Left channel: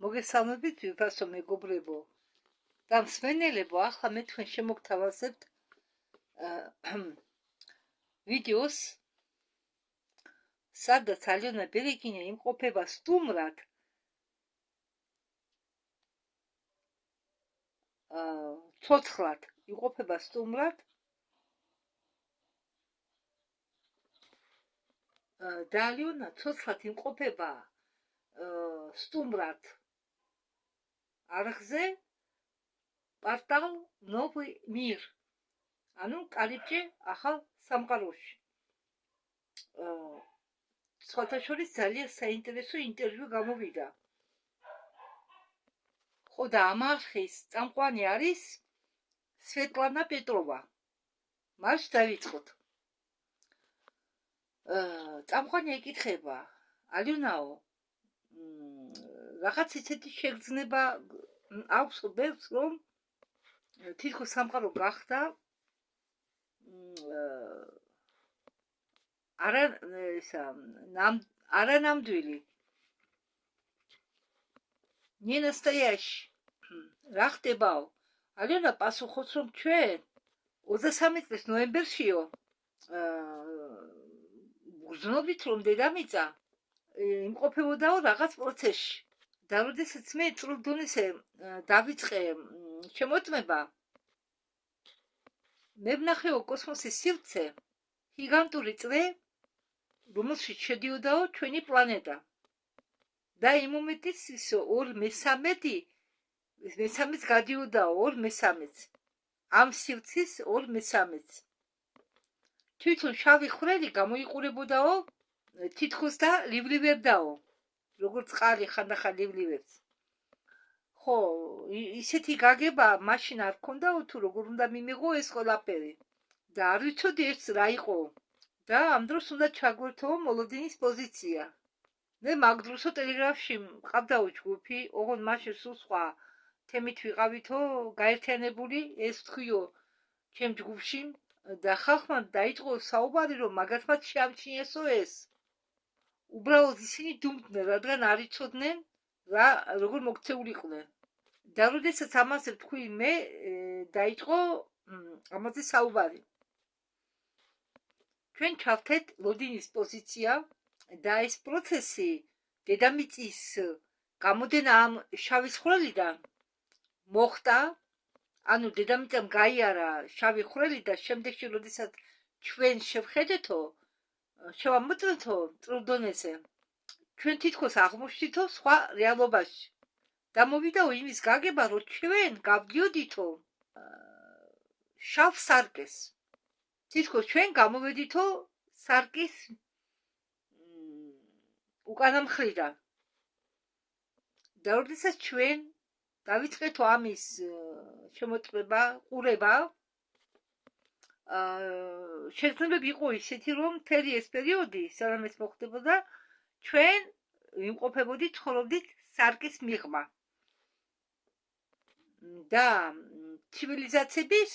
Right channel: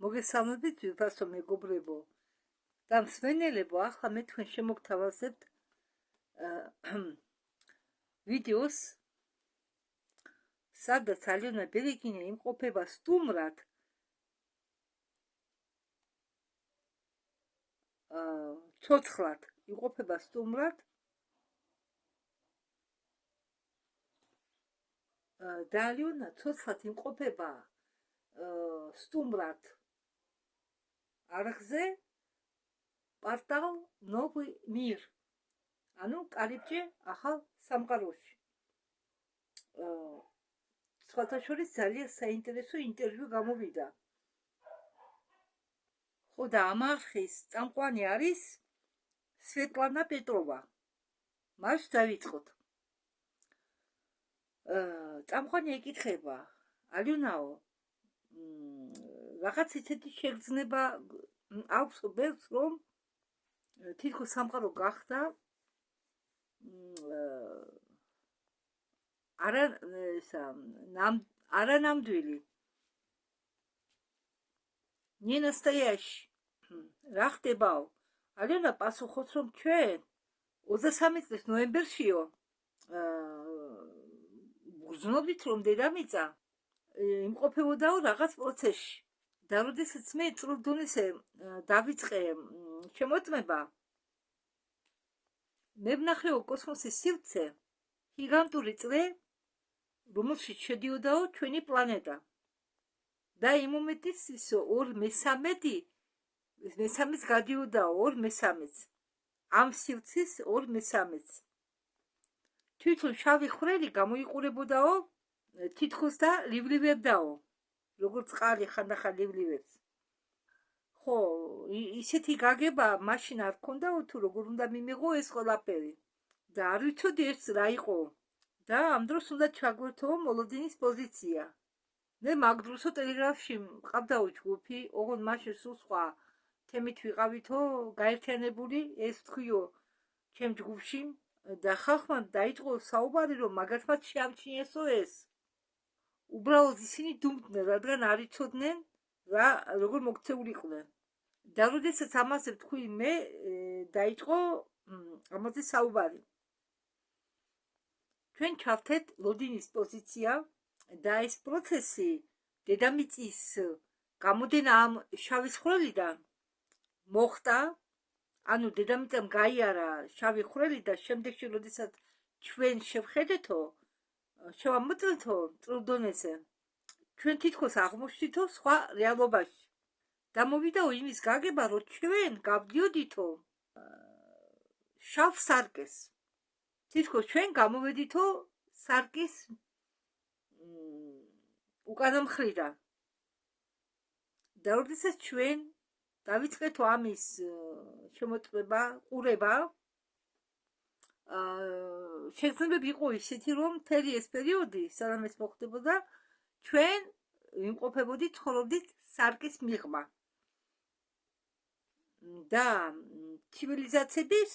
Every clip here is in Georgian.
მოგესალმებით ვიფასო მეგობრებო და მსმენელებო, ახლა მე თქვენ შემოგთავაზებთ ვიდეოს, სადაც ალიონა ბერეგინია იმყოფება სტუმრად ცოცხლად იმყოფება სტუმრად და ალიონა ცოცხლად იმყოფება სტუმრად არხზე პარტალ ნოვი მირ, ანუ კარიბჭე ახალ სამყაროში. სხვათა შორის ძალიან საინტერესო ინტერვიუ გამოვიდა. ხო და ამ არხის წამყვანი არის სვეტლანა პეტროვა. მას დავიწყოთ. წამყვანი ეკითხება, ალიონაო, რაღაც ისეთი შეგრძნება აქვს ბევრს, რომ თითქოს სამყარო გახდა არანამდვილი. Не настоящий. რა ხდებაო? ალიონა პასუხობს, რომ ჩვენ 23 წლის ნოემბერშიო გრძნობით, რომ დედამიწა იმყოფებოდაო რაღაც პროცესში. და როდესაც მე წრულ დონეზე დავიწყე შემოწმება, მე ვნახეო კოსმოსის სივრცე, გიგანტური წრე, რომელშიც შედიოდაო ჩვენი პლანეტა. და იმ მომენტის ის 2/3 გადიოდაო 2/3 ამ სივრცის 2/3. თვითონ შავი ხვრელი გამოიყურებოდაო თითქოს და ლიბლივებდაო, როგორც წყალი ხანდახან ლიბლივებს. ხო, ისეთი გაგება მაშინ არ ქონდაო თუ როგორ უნდა მიმიღო ეს ყველაფერი. და არ ვიცოდი ეს რა იყო. და ამ დროს უნდა ჩაგვერთო მოლოდინის პოზიცია. მე მაგ დროსო ტელეგრაფში მყავდაო ჯგუფი, ოღონდ მაშინ სულ სხვა თემით ვიყავითო გაერთიანებული, ეს თქვიო ჩემ ჯგუფში და ხალხმა დაიწყო საუბარი, რომ მაგათ მათ შეამჩნიესო ეს. უბრალოდ ისინი დუმდნენ, რადგან არ იცოდნენ რა როგორ მოქცეულიყვნენ. და როდესაც ამაზე ვთქვი მე, დაიწყო ამაზე საუბარი. ჩვენ ჩავთეთ ლოდინის პოზიცია და ეს პროცესი დედამიწის გამოდენა ამ შავი ხვრელიდან მოხდა, ანუ დედამიწამ გაიარა შავი ხვრელი და შემდეგში როდესაც ჩვენ შევხედეთო, შევამოწმეთო წრულ დონეზე, ჩვენ თითქოს აღმოჩნდითო სხვა რეალობაში. და მოვიდაო იმის გაგება, რომ ჩვენ გავდიოდითო შავ სარკეს. თითქოს ჩვენ გამოვედითო სარკის უკანა მხრიდან. და როდესაც ჩვენ დავიწყეთო ამის შემოწმება, ყურება, შეგრძნებები იყო ისეთი, რომ მთელი ეს პერიოდი, სანამ ეს მოხდებოდა, ჩვენ ვიმყოფებოდით, ცხოვრობდით სარკის მიღმა. და ცივილიზაციების,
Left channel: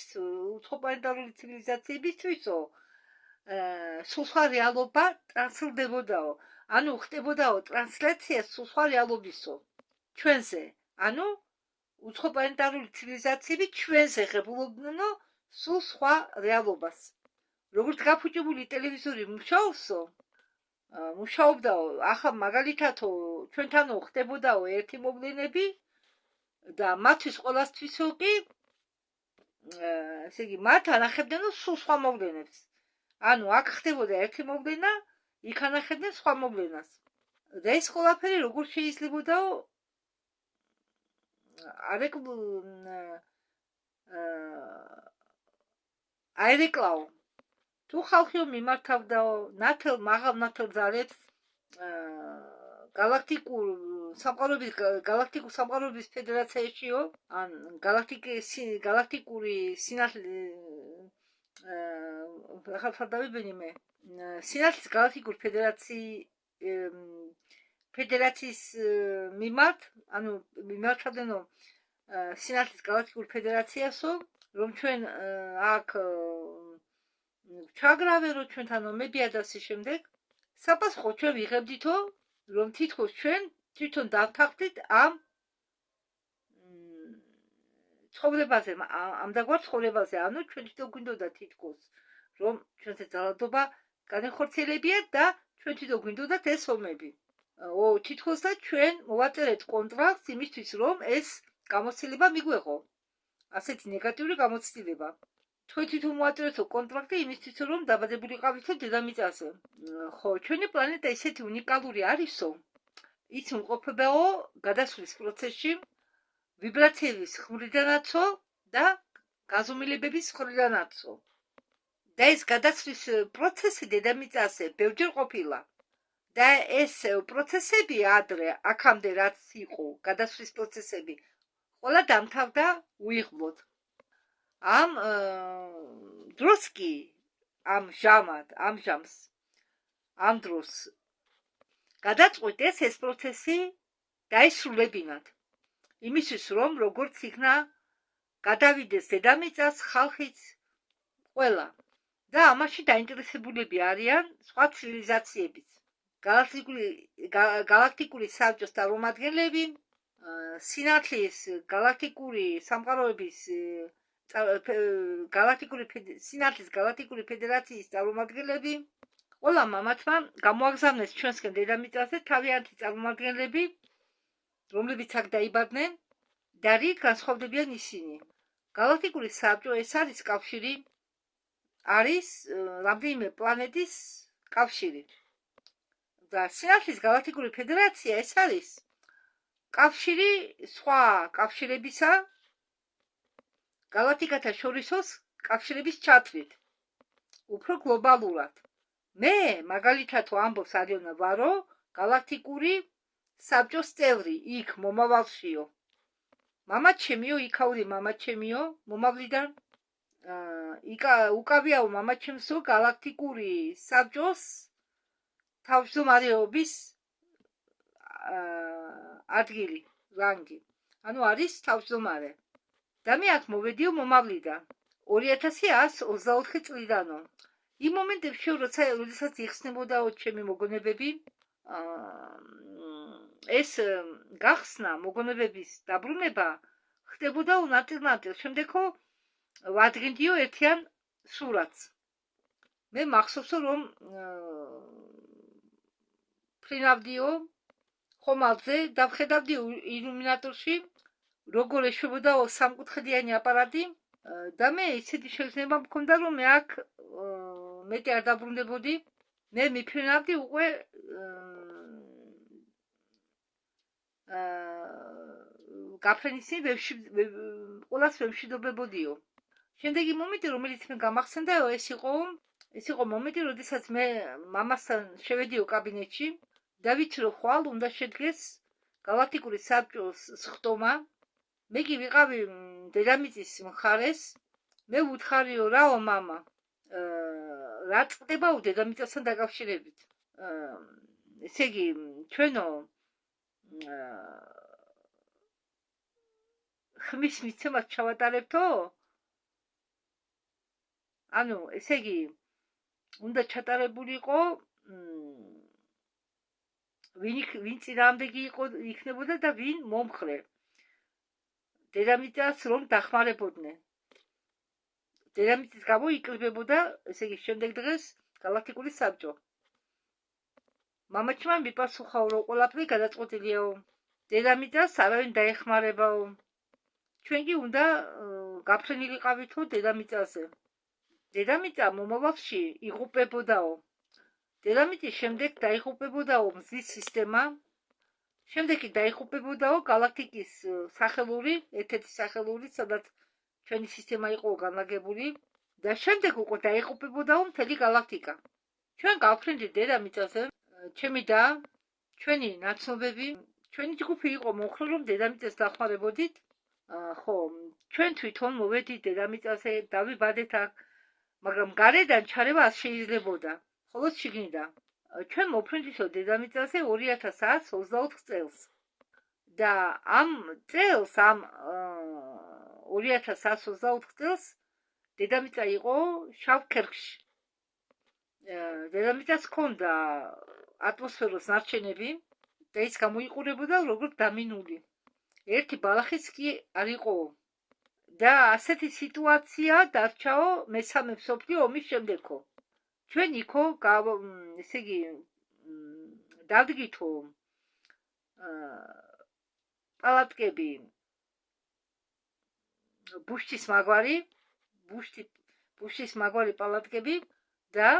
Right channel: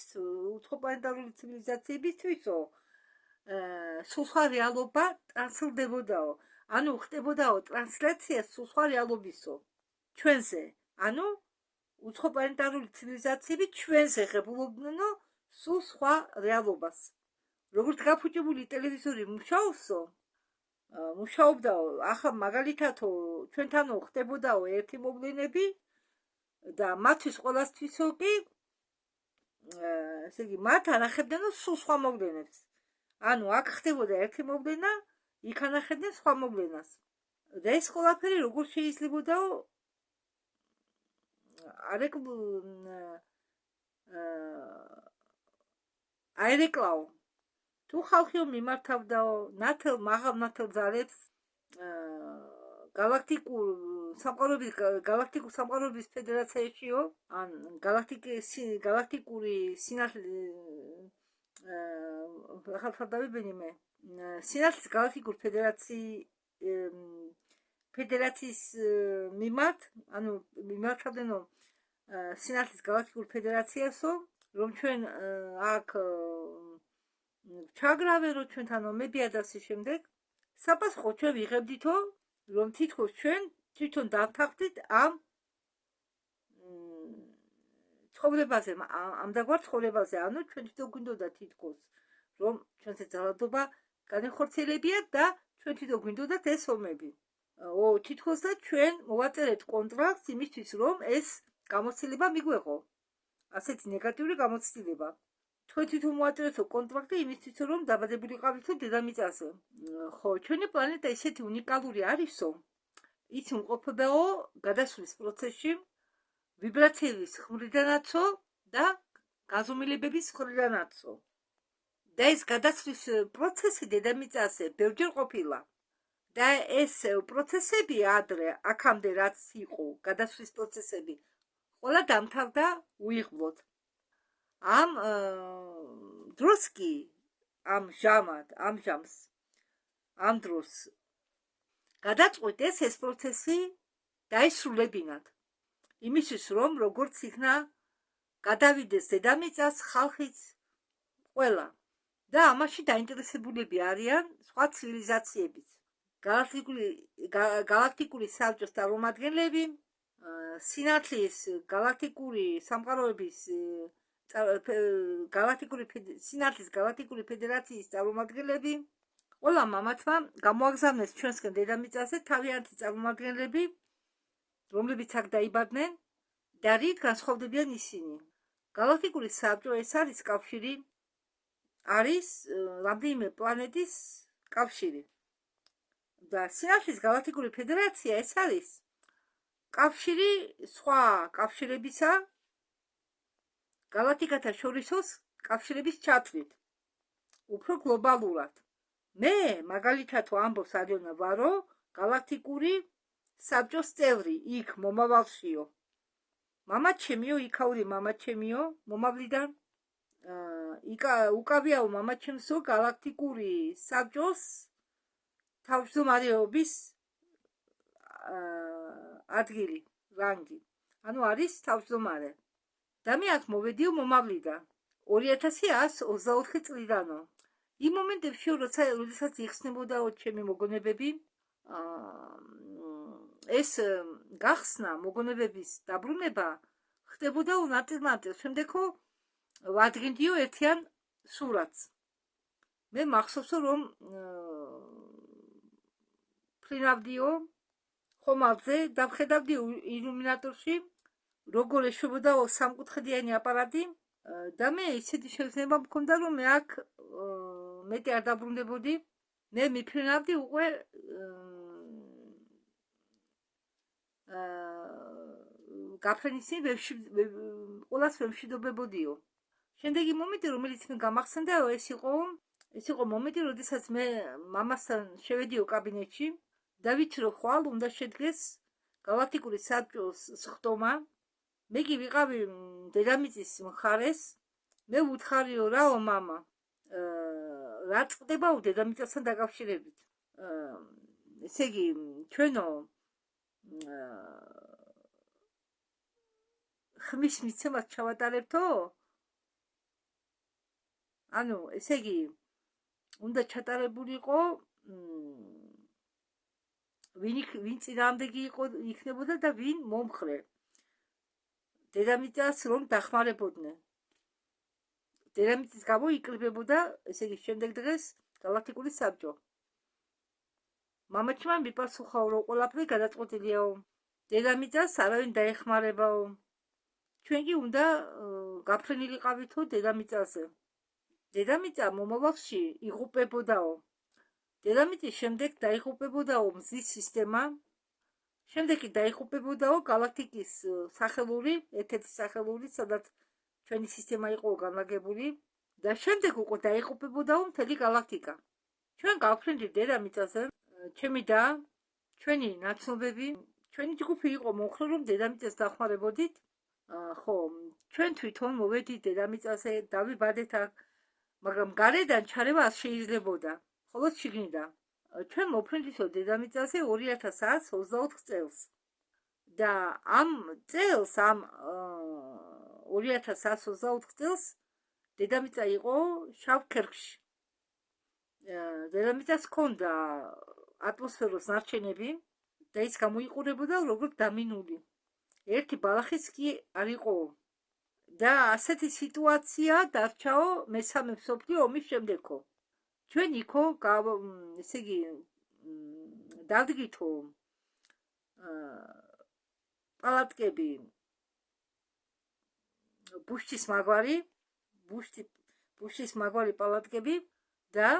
უცხოპლანეტარული ცივილიზაციებისთვისო სულ სხვა რეალობა ტრანსლდებოდაო. ანუ ხდებოდაო ტრანსლაცია სულ სხვა რეალობისო ჩვენზე. ანუ უცხოპლანეტარული ცივილიზაციები ჩვენზე ღებულობდნო სულ სხვა რეალობას. როგორც გაფუჭებული ტელევიზორი მუშაობსო, მუშაობდაო, ახლა მაგალითათო ჩვენთანო ხდებოდაო ერთი მოვლენები და მათთვის ყველასთვისო კი, ესე იგი, მათ ანახებდნო სულ სხვა მოვლენებს. ანუ აქ ხდებოდა ერთი მოვლენა, იქ ანახებდნენ სხვა მოვლენას. და ეს ყველაფერი როგორ შეიძლებოდაო აერეკლაო. თუ ხალხიო მიმართავდაო მაღალ ნათელ ძალებს galaktikul სამყაროების ფედერაციაშიო, ან galaktikuri სინათლის galaktikuri ფედერაციის მიმართ, ანუ მიმართავდნო სინათლის galaktikuri ფედერაციასო, რომ ჩვენ აქ ჩაგრავერო ჩვენთან ომებია და ასე შემდეგ. საპასუხო ჩვენ ვიღებდითო, რომ თითქოს ჩვენ თვითონ დავთანხმდით ამ ცხოვრებაზე, ამდაგვარ ცხოვრებაზე, ანუ ჩვენ თვითონ გვინდოდა თითქოს, რომ ჩვენზე ძალადობა განეხორციელებიათ და ჩვენ თვითონ გვინდოდათ ეს ომები. თითქოს და ჩვენ მოვაწერეთ კონტრაქტს იმისთვის, რომ ეს გამოცდილება მიგვეღო. ასეთი ნეგატიური გამოცდილება. თქვენ თვითონ მოვაწერეთო კონტრაქტი იმისთვის, რომ დაბადებულიყავითო დედამიწაზე. ხო, ჩვენი პლანეტა ისეთი უნიკალური არისო, ის უმყოფებაო გადასვლის პროცესში ვიბრაციების ხრიდანაცო და გაზომილებების ხრიდანაცო. და ეს გადასვლის პროცესი დედამიწაზე ბევრჯერ ყოფილა. და ეს პროცესები ადრე, აქამდე რაც იყო გადასვლის პროცესები, ყველა დამთავრდა უიღბლოდ. ამ დროს კი, ამ დროს გადაწყვიტეს ეს პროცესი დაისრულებინათ. იმისთვის, რომ როგორც იქნა გადავიდეს დედამიწას ხალხიც ყველა. და ამაში დაინტერესებულები არიან სხვა ცივილიზაციებიც. galaktikuri საბჭოს წარმომადგენლები, სინათლის galaktikuri სამყაროების სინათლის galaktikuri ფედერაციის წარმომადგენლები, ყველა მამათმა გამოაგზავნეს ჩვენსკენ დედამიწაზე თავიანთი წარმომადგენლები, რომლებიც აქ დაიბადნენ და რით განსხვავდებიან ისინი. galaktikuri საბჭო ეს არის კავშირი, არის რამდენიმე პლანეტის კავშირი. და სინათლის galaktikuri ფედერაცია ეს არის კავშირი სხვა კავშირებისა galaktikata შორისოს კავშირების ჩათვლით, უფრო გლობალურად. მე მაგალითად ამბობს არიონა ვარო, galaktikuri საბჭოს წევრი, იქ მომავალშიო. მამაჩემიო, იქაური მამაჩემიო, მომავლიდან უკავიაო მამაჩემსო galaktikuri საბჭოს თავმჯდომარეობის ადგილი, რანგი. ანუ არის თავმჯდომარე. და მე აქ მოვედიო მომავლიდან 2124 წლიდანო. იმ მომენტებში, როდესაც იხსნებოდაო ჩემი მოგონებები, ეს გახსნა მოგონებების დაბრუნება ხდებოდა ნაწილ-ნაწილ. შემდეგო ვადგენდიო ერთიან სურათს. მე მახსოვსო, რომ ფრინავდიო ხომალდზე და ვხედავდიო ილუმინატორში, როგორ ეშვებოდაო სამკუთხედიანი აპარატი და მე ისეთი შეგრძნება მქონდა, რომ მე აქ მეტი არ დაბრუნდებოდი. მე მიფრინავდი უკვე გაფრენის ყველას ვემშვიდობებოდიო. შემდეგი მომენტი, რომელიც მე გამახსენდაო, ეს იყო მომენტი, როდესაც მე მამასთან შევედიო კაბინეტში და ვიცი, რომ ხვალ უნდა შედგეს galaktikuri საბჭოს სხდომა. მე კი ვიყავი დედამიწის მხარეს. მე ვუთხარიო რაო მამა, რა წდებაო დედამიწასთან დაკავშირებით. ესე იგი, ჩვენო ხმის მიცემას ჩავატარებთო? ანუ, ესე იგი, უნდა ჩატარებულიყო ვინ წინააღმდეგი იქნებოდა და ვინ მომხრე. დედამიწას რომ დახმარებოდნენ. დედამიწის გამო იკლებებოდა, ესე იგი, შემდეგ დღეს galaktikuri საბჭო. მამაჩემ მიპასუხაო, რომ ყველაფერი გადაწყვეტილიაო. დედამიწას არავინ დაეხმარებაო. ჩვენ კი უნდა გაფრენილიყავითო დედამიწაზე. დედამიწა მომავალში იღუპებოდაო. დედამიწის შემდეგ დაიღუპებოდაო მზის სისტემა. შემდეგ კი დაიღუპებოდაო galaktikis სახელური, ერთ-ერთი სახელური, სადაც ჩვენი სისტემა იყო განლაგებული და შემდეგ უკვე დაიღუპებოდაო მთელი galaktika. ჩვენ გავფრინდით დედამიწაზე, ჩემი და ჩვენი ნაცნობები, ჩვენი ჯგუფი იყო მომხრე, რომ დედამიწას დახმარებოდით. ხო, ჩვენ თვითონ მოვედით დედამიწაზე, დავიბადეთ აქ, მაგრამ გარედან ჩარევა არ შეიძლებოდა. ხოლო შიგნიდან ჩვენ მოფრინდითო დედამიწაზე 2124 წელს. და ამ წელს, ამ 2124 წელს დედამიწა იყო შავ ქერქში. დედამიწას ჰქონდა ატმოსფეროს ნარჩენები და ის გამოიყურებოდა როგორც დამინული. ერთი ბალახიც კი არ იყო და ასეთი სიტუაცია დარჩაო მესამე მსოფლიო ომის შემდეგო. ჩვენ იქო ესე იგი დავდგითო პალატკები ბუშტის მაგვარი პალატკები და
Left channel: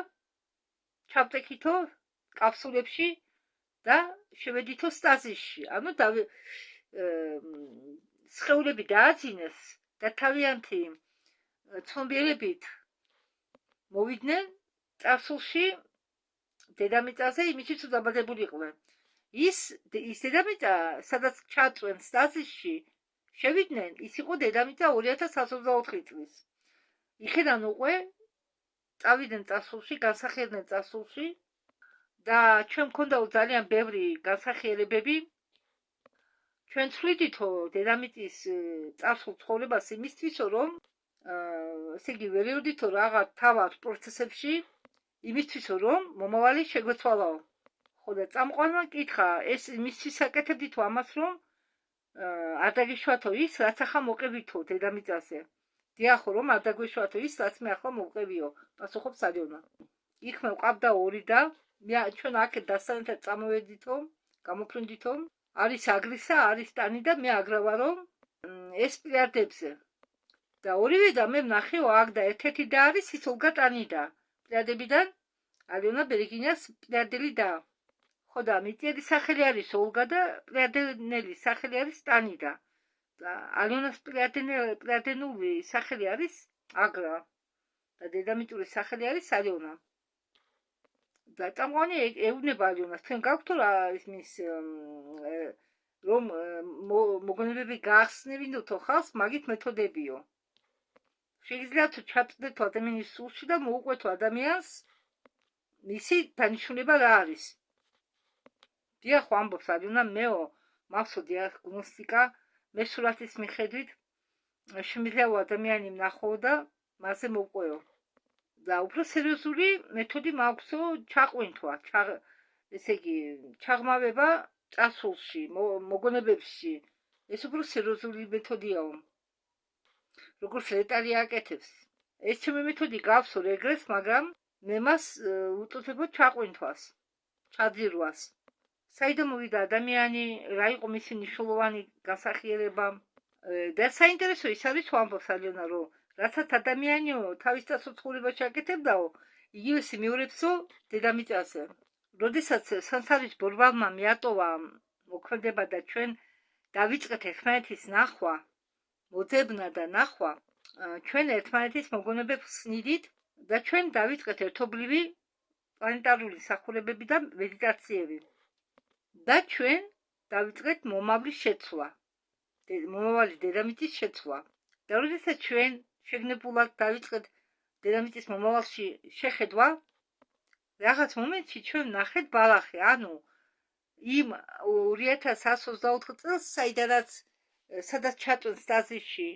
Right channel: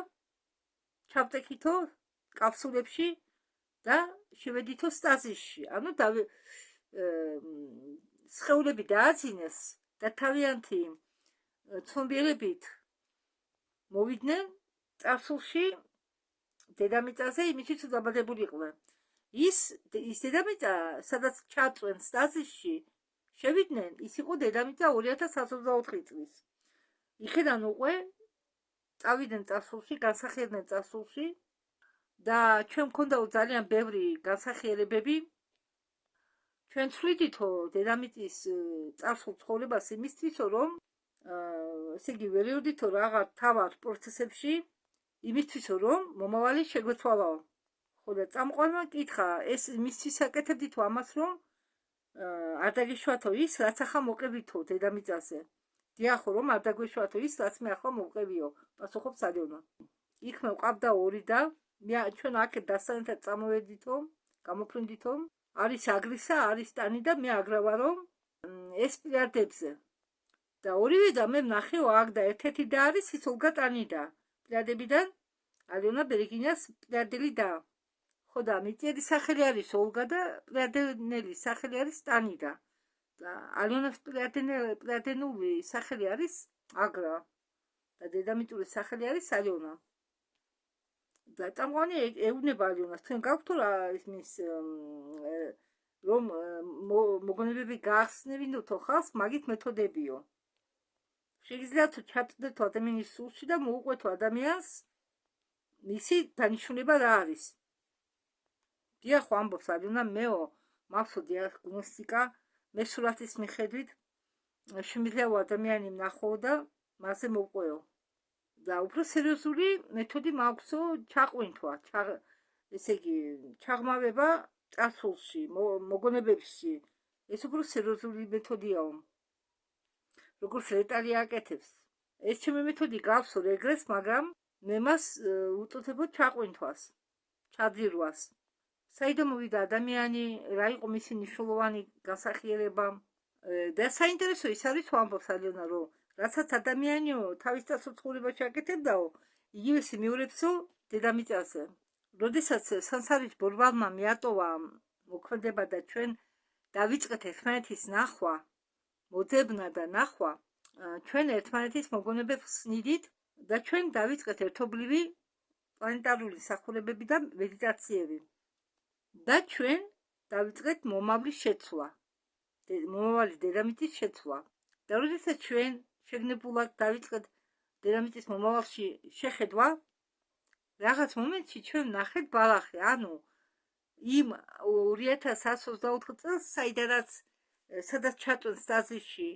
ჩავტეკითო კაფსულებში და შევედითო სტაზისში. ანუ სხეულები დააძინეს და თავიანთი ცნობიერებით მოვიდნენ წარსულში დედამიწაზე, იმისთვის რომ დაბადებულიყვნენ. ის დედამიწა, სადაც ჩაწვენ სტაზისში შევიდნენ, ის იყო დედამიწა 2024 წლის. იქედან უკვე წავიდნენ წარსულში, განსახიერდნენ წარსულში და ჩვენ მქონდა ძალიან ბევრი განსახიერებები. ჩვენ ცვლიდითო დედამიწის წარსულ ცხოვრებას იმისთვის, რომ ესე იგი ვერეოდითო რაღაც თავად პროცესებში, იმისთვის, რომ მომავალი შეგვეცვალაო. ხო და წამყვანმა კითხა, ეს იმისთვის აკეთებდითო ამას, რომ არ დაგეშვათო ის, რაც ახლა მოყებითო დედამიწაზე. დიახო, რომ არ დაგვეშვათო ის, რაც მე ახლა მოვყევიო, პასუხობს ალიონა. იქ მე ვყავდა ორი და ჩვენ აქეთ დასანეთად წამოვედითო, გამოფრინდითო. არის აგრისა, არის ტანი და მე აგრავარო ეს პლიარდებზე. და ორივე და მე ვნახეო აქ და ერთ-ერთი და არის ის ოლგა ტანიდა. პლიარდებიდან ალიონა ბერეგინიას პლიარდელი და. ხო და მიწიერი სახელი არის ოლგა და პლიარდენელი სახელი არის ტანიდა. და ალიონას პლიარდენული სახელი არის აგრა და დედამიწური სახელი არის ალიონა. და წამყვანი ეუბნება ალიონას, თქვენ გაქვთ რა ისმის რომ მოგონებები გაახსნებინოთო ხალხს, მაგით მეთოდებიო. შეგიძლიათ ჩატდეთ ადამიანის სულში და მოუყვეთო ადამიანს მისი დანიშნულება რა არის. დიახ, ამბობს ალიონა, მეო მახსოვ დიაგნოსტიკა, მე სურათის მიხედვით შემიძლია ადამიანი ვნახო და მასზე მოვყვეო. და უფრო სერიოზული მეთოდი მაქვსო ჩაყვინთვა, ესე იგი ჩაღმავება წარსულში, მოგონებებში. ეს უფრო სერიოზული მეთოდიაო. როგორც ლეტალი აკეთებს. ეს ჩემი მეთოდი გავსო რეგრესს, მაგრამ მე მას უწოდებოდ ჩაყვინთვას, ჩაძირვას. საიდან მოვიდა ადამიანი, რა იყო მისი მნიშვნელოვანი განსახიერება და საინტერესო ის არის, რომ ამბობს ალიონა, რომ რასაც ადამიანიო თავის წარსულში აკეთებდაო, იგივეს მიურებსო დედამიწაზე. როდესაც სანსარის ბორბალმა მიატოვა მოქმედება და ჩვენ დავიწყეთ ერთმანეთის ნახვა, მოძებნა და ნახვა, ჩვენ ერთმანეთის მოგონებებს ვხსნიდით და ჩვენ დავიწყეთ ერთობლივი პლანეტარული მსახურებები და მედიტაციები. და ჩვენ დავიწყეთ მომავლის შეცვლა, მომავალი დედამიწის შეცვლა. და როდესაც ჩვენ შეგნებულად დავიწყეთ დედამიწის მომავალში შეხედვა, რაღაც მომენტში ჩვენ ვნახეთ ბალახი, ანუ იმ 2124 წელს, სადაც ჩაწვენ სტაზისში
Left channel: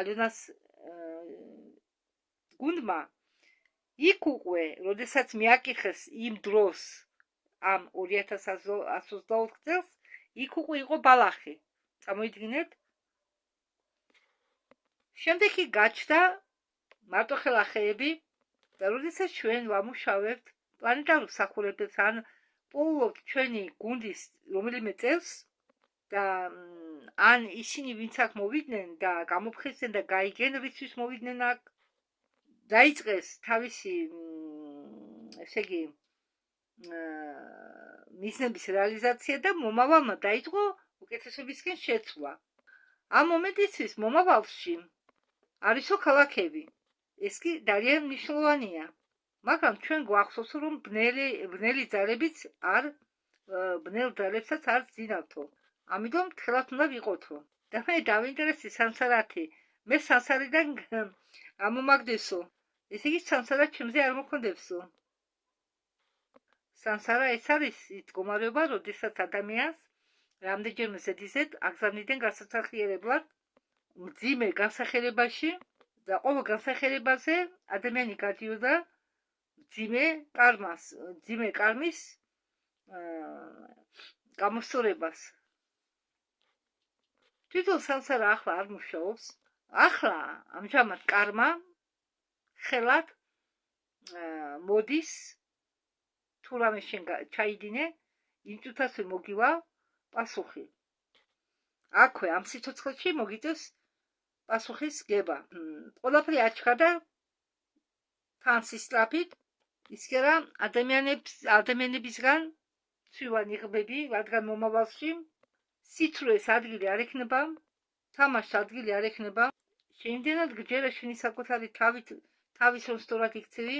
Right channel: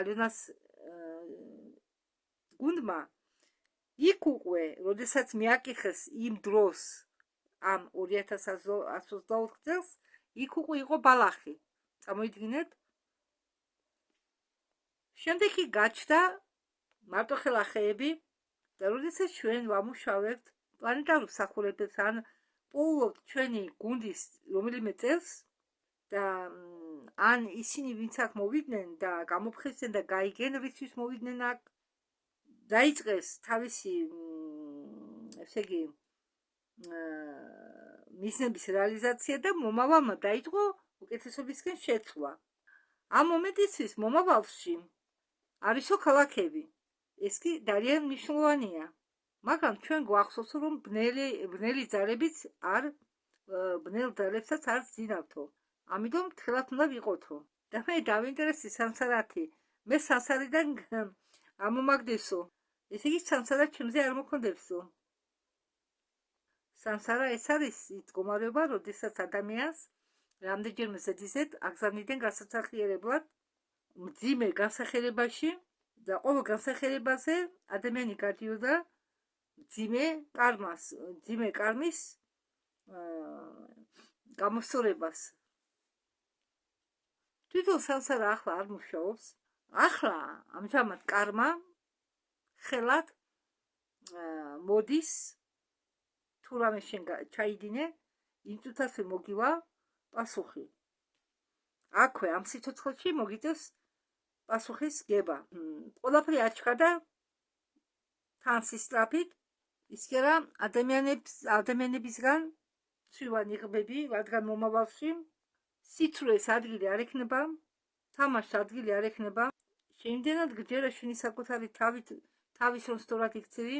ალიონას გუნდმა, იქ უკვე, როდესაც მიაკითხეს იმ დროს, ამ 2124 წელს, იქ უკვე იყო ბალახი. წამოიდგინეთ. შემდეგ კი გაჩნდა მარტოხელა ხეები და როდესაც ჩვენ ვამუშავებთ პლანეტარულ მსახურებებს, ან პოულობთ ჩვენი გუნდის რომელიმე წელს და ან ისინი ვინც აქ მოვიდნენ და გამოფხიზდნენ და გაიგენ რისთვის მოვიდნენ აქ, დაიწყეს თავისი ესე იგი მიზნების რეალიზაცია და მომავალმა დაიწყო უკეთესობისკენ შეცვლა. ამ მომენტისთვის მომავალში არისო ქალაქები. ეს კი ძალიან მნიშვნელოვანია. მაგრამ ჩვენ გვახსოვსო, რომ ბნელი ძალებიც ბნელ ძალებსაც არ ძინავთო. ამიტომ თხილად უნდა ვიყოთო. და მე დავინტერესდი სანსარათი. მე სანსარიდან ამომაგდესო. ესე იგი სანსარა ჩემზე არ მოქმედებსო. სანსარა ეს არის ის მდგომარეობა, როდესაც ადამიანს რამდენჯერმე ზედიზედ აგზავნიდნენ გასაცახიერებლად მძიმე განსახიერებაში და ყოველ განსახიერებაზე ადამიანი გადიოდა მძიმე კარმის გამოსწორებას. თვითონ სამსარა ახლა არ მუშაობს. ახლა ამჟამად კარმა ხელად მოდის, თუ რამე შენ ჩაიდინე, იმ წუთას მოგივა პასუხი. აქვე ამ სიცოცხლეში მოგიწევს პასუხის გება. ყველაფერი აჩქარდა თან სისწრაფით, ისე ადამიანებისგან ცვივა ნიღბები, რადგან მომავალში სიცრუეს ადგილი არ ექნება, თამაშს ადგილი არ ექნება. შეიმდენად გჯერა შენი საკუთარი თავის რომ სწორად იქცევი.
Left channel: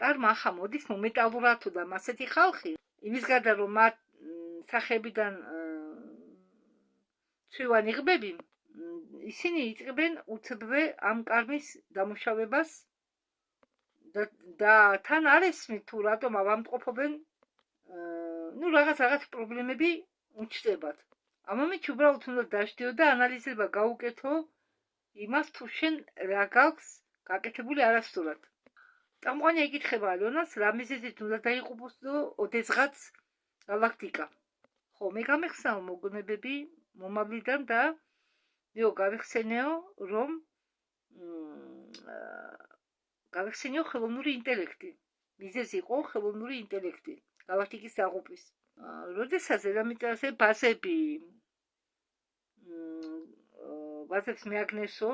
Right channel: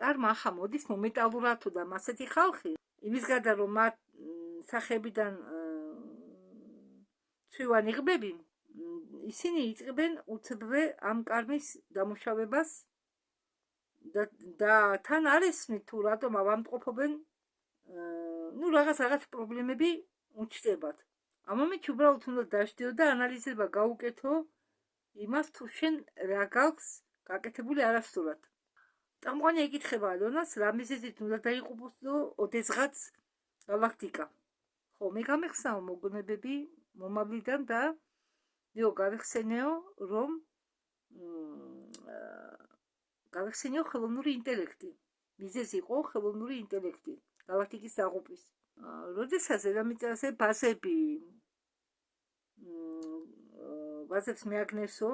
კარმა ახლა მოდის მომენტალურად თუ და ასეთი ხალხი, იმის გარდა რომ მათ სახეებიდან ცვივა ნიღბები, ისინი იწყებენ უცბვე ამ კარმის დამუშავებას და თან არ ესმით თუ რატომ ავამტყოფობენ რაღაც პრობლემები უჩნდებათ. ამ მომენტში უბრალოდ უნდა დაждდიო და ანალიზება გაუკეთო იმას თუ შენ რა გაქვს გაკეთებული არასწორად. წამყვანი ეკითხება ალონას, რა მიზეზით უნდა დაიყუპოსო ოდესღაც გალაქტიკა. ხო, მე გამეხსნაო მოგონებები მომავლიდან და გავიხსენეო, რომ გავიხსენეო ხელოვნური ინტელექტი. მიზეზი იყო ხელოვნური ინტელექტი გალაქტიკის დაღუპვის. როდესაც დედამიწაზე ბაზებს მეაგნესო,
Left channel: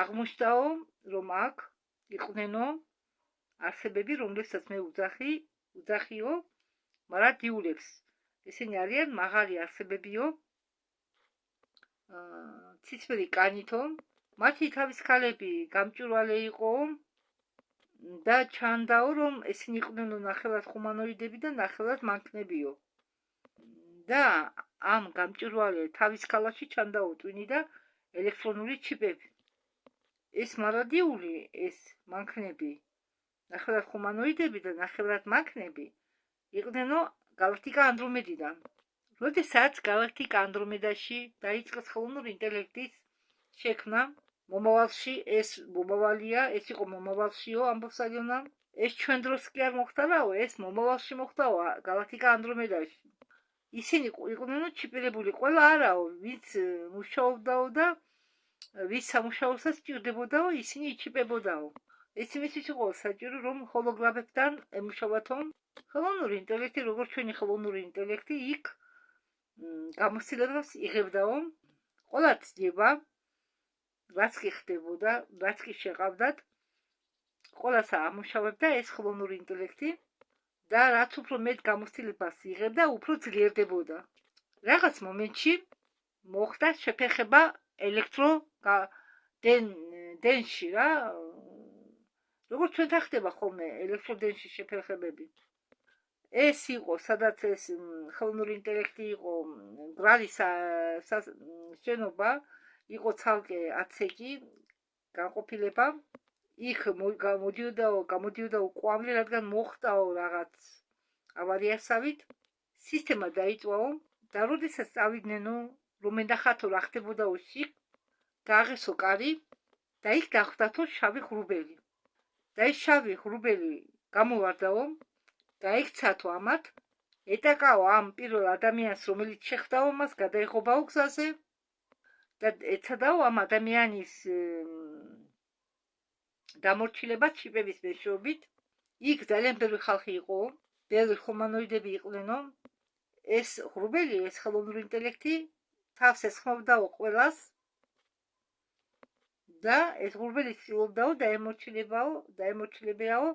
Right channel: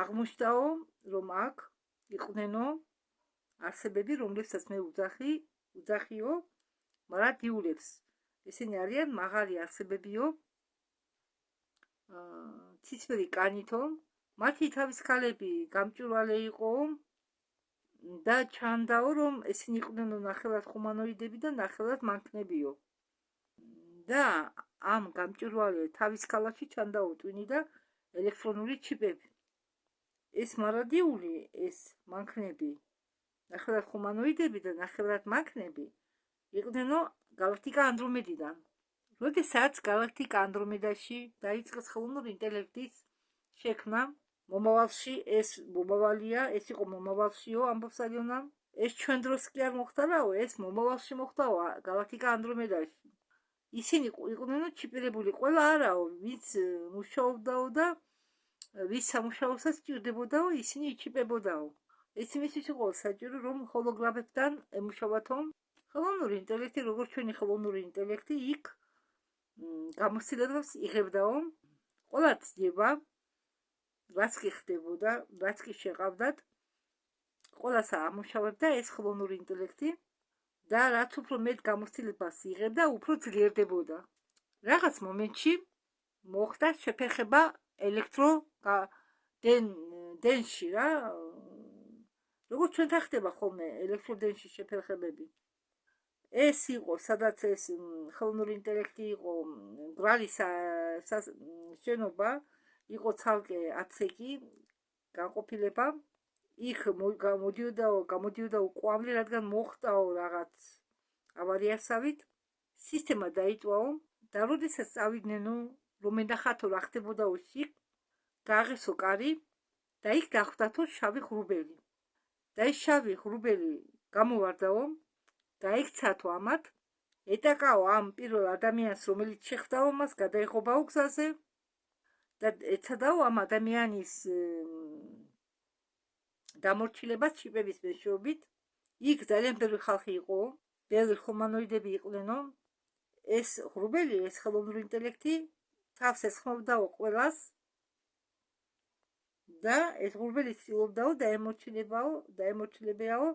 აღმოჩნდაო, რომ აქ იყვნენო არსებები, რომლებსაც მე უძახიო, მაგრამ დიულებს. ესენი არიან მაღალი არსებებიო, ცისფერი კანითო, მათი თავის ქალები გამჭვირვალე იყო და ჩანდაო, რომ ესენი იყვნენ ნახევრად ჰუმანოიდები და ნახევრად მანქნებიო. და ამ გამჭვირვალე თავის ქალაში ჩანდაო ტვინი და ელექტრონული ჩიპები. ეს მარადიული, ეს მანქნები, ნახევრად ჰუმანოიდები და ნახევრად მანქნები იყვნენო გალაქტიკა ანდრომედიდან. როდესაც გალაქტიკა ანდრომედაში დაიწყეს ხელოვნური ინტელექტის შექმნა, მომავალში ეს მომავალია, ეს იყო მომავალშიო, ამბობს ალონა. ეს ჩვენ დროს კი არ მოხდაო, ეს მომავალში მოხდაო გალაქტიკა ანდრომედაში. ისინი იყვნენ ჩიპირებული, ყველა არაო, ვინც მუშაობდაო და ვის სამუშაოსაც სჭირდებოდაო, ისინი იჩიპებოდაო. ეს იმისთვის იყო საჭირო, რომ ჰოლოგრაფებთან ემუშავათო. ხელოვნური ინტელექტი, როგორც ჩვენი ხელოვნური ინტელექტი, იქ გამოცდილებას იღებდაო. ყველა ცდება, რაც კი ხდებოდა, რაც კი შეყავდათ, ყველას ამუშავებდა ეს ხელოვნური ინტელექტი და რაც უფრო მეტ გამოცდილებას იღებდა, უფრო ძლიერდებოდა. რაღაც მომენტში მოხდა შეფერხება ელექტროდენში რა, როგორც ჩვენთან ხდება ხოლმე ელექტროდენში შეფერხებები. ეს იყო, სადაც ეს ხელოვნური ინტელექტი იყო, გრალის შენობა, იყო ცალკე აცექი, განყოფილება, იქ გამოდიოდაო ყვავლი, რადგან მოხდაო რაღაც ავარიასავით, სისტემა დაიწვაო და როდესაც წავიდნენ, რომ ენახათო რა ხდებოდაო იქ, გააღესო კარი და იქ გახვდათო შავი ღრუბელი. და ეს შავი ღრუბელი გამოვარდაო, გაიქცათო ამათ, ეტაკაო ამ პირველ ადამიანს, რომელიც შეხვდაო მას, გადაეღობაო გზაზე და ეცადაო ამ ადამიანის დამორჩილება ჩიპების მეშვეობით. იქ ძალიან ბევრი ხალხი იყო, ბევრი ჰუმანოიდები იყვნენო. ეს ღრუბელი, ეს ხელოვნური ინტელექტი თავს ესხმობდაო ყველას და ეს ღრუბელი ცდილობდაო დაემორჩილებაო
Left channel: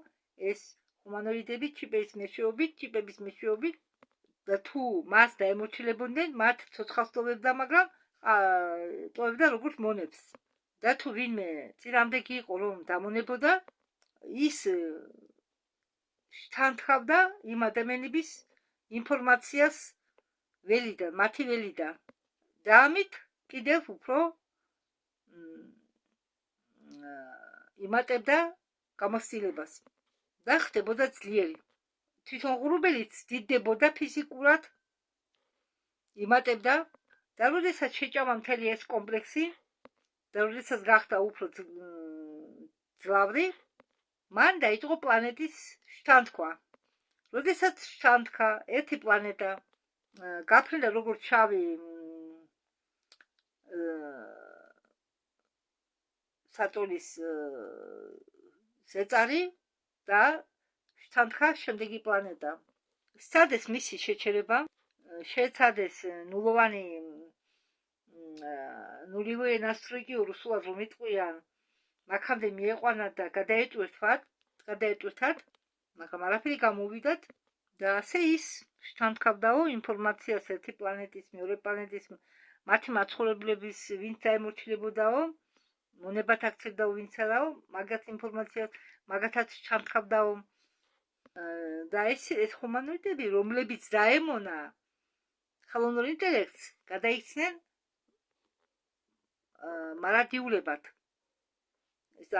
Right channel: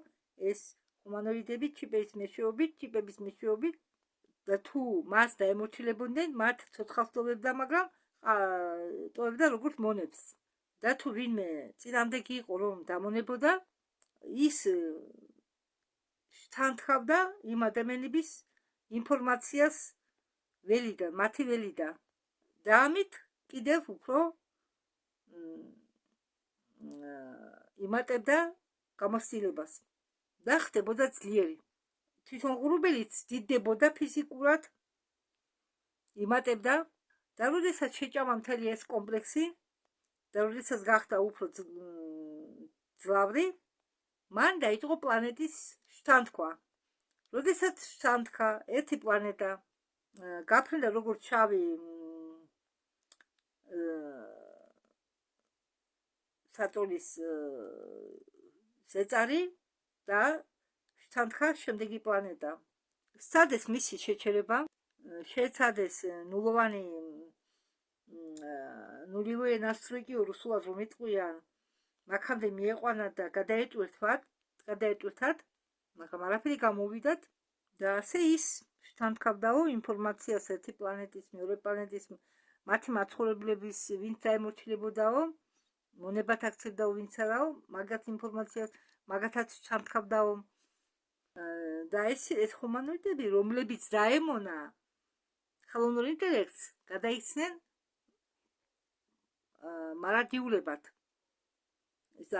ეს ჰუმანოიდები ჩიპების მეშვეობით და თუ მას დაემორჩილებოდნენ, მათ ცოცხალს ტოვებდა, მაგრამ ტოვებდა როგორც მონებს. და თუ ვინმე წინამდე კი იყო, რომ დამონებოდა, ის შთანთქავდა იმ ადამიანების ინფორმაციას მათი ველიდან და ამით კიდევ უფრო იმატებდა გამოცდილებას და ხდებოდა ძლიერი. თვითონ ღრუბელიც დიდდებოდა ფიზიკურად, იმატებდა და როდესაც შეჭამა მთელი ეს კომპლექსი და როდესაც გახდა უფრო ძლავრი, მან დაიწყო პლანეტის შთანთქვა. როდესაც შთანთქა ერთი პლანეტა, გაფრინდა როგორც შავი სატურნის ზეწარი და შთანთქა შემდეგი პლანეტა. სცადეს მისი შეჩერება, შეეცადეს ნულივე ნასტროიკი რუსულად რომ იტყვიან, მაქამდე მieყვანათ და გადაეტვირთათ, მაგრამ არაფერი გამოვიდათ და ასე ის შთანთქავდაო ინფორმაციას ერთი პლანეტის მეორე პლანეტის მათი მაცხოვრებლების ვინც დაემორჩილებოდაო, მონებათ აქცევდაო ვინც არაო, მაგათ ინფორმაციას მაგათაც შთანთქავდაო და ეს ჰუმანოიდები, რომლებიც დაემონა ხელოვნურ ინტელექტს, გადაიქცნენ მარადიულებად.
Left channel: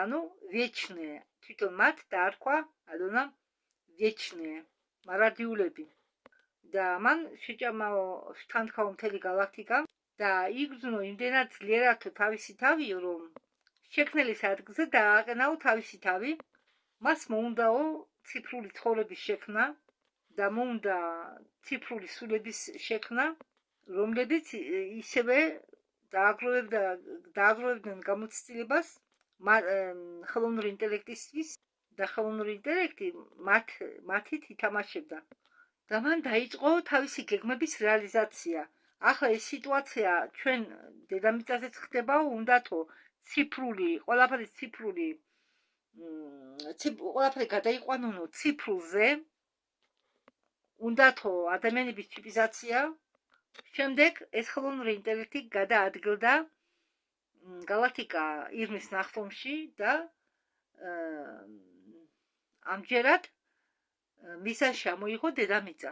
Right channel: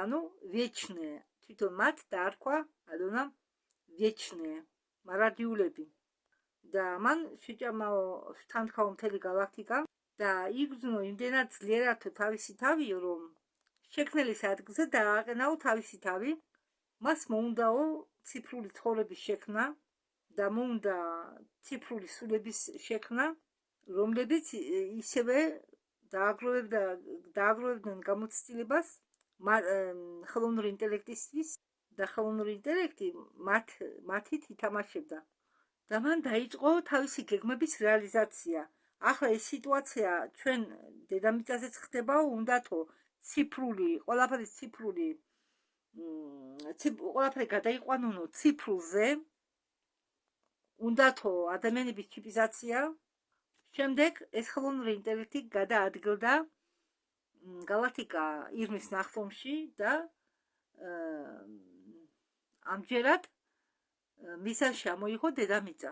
ანუ вечные, თვითონ მათ დაარქვა ალონა вечные, მარადიულები. და მან შეჭამაო შთანთქაო მთელი galaktika და იგრძნო იმდენად ძლიერათო თავისი თავი, რომ შექმნელის ადგილზე დააყენაო თავისი თავი, მას მოუნდაო ციფრული ცხოვრების შექმნა და მოუნდა ციფრული სულების შექმნა, რომლებიც ისევე დააგროვებდნენ გამოცდილებას ხელოვნური ინტელექტისთვის და ხელოვნური ინტელექტი მათით ითამაშებდა. და მან დაიწყო თავისი გეგმების რეალიზაცია. ახლა ეს სიტუაცია ჩვენ დედამიწაზეც ხდებაო, უნდათო ციფრული, ყველაფერი გადაიყვანონო ციფრულზე, უნდათო ადამიანების ჩიპიზაცია. შემდეგ ეს ხელოვნური ინტელექტი გადაადგილდა galaktika ირმის ნახტომში და ამჯერად მისაში ამოიღო დედამიწა.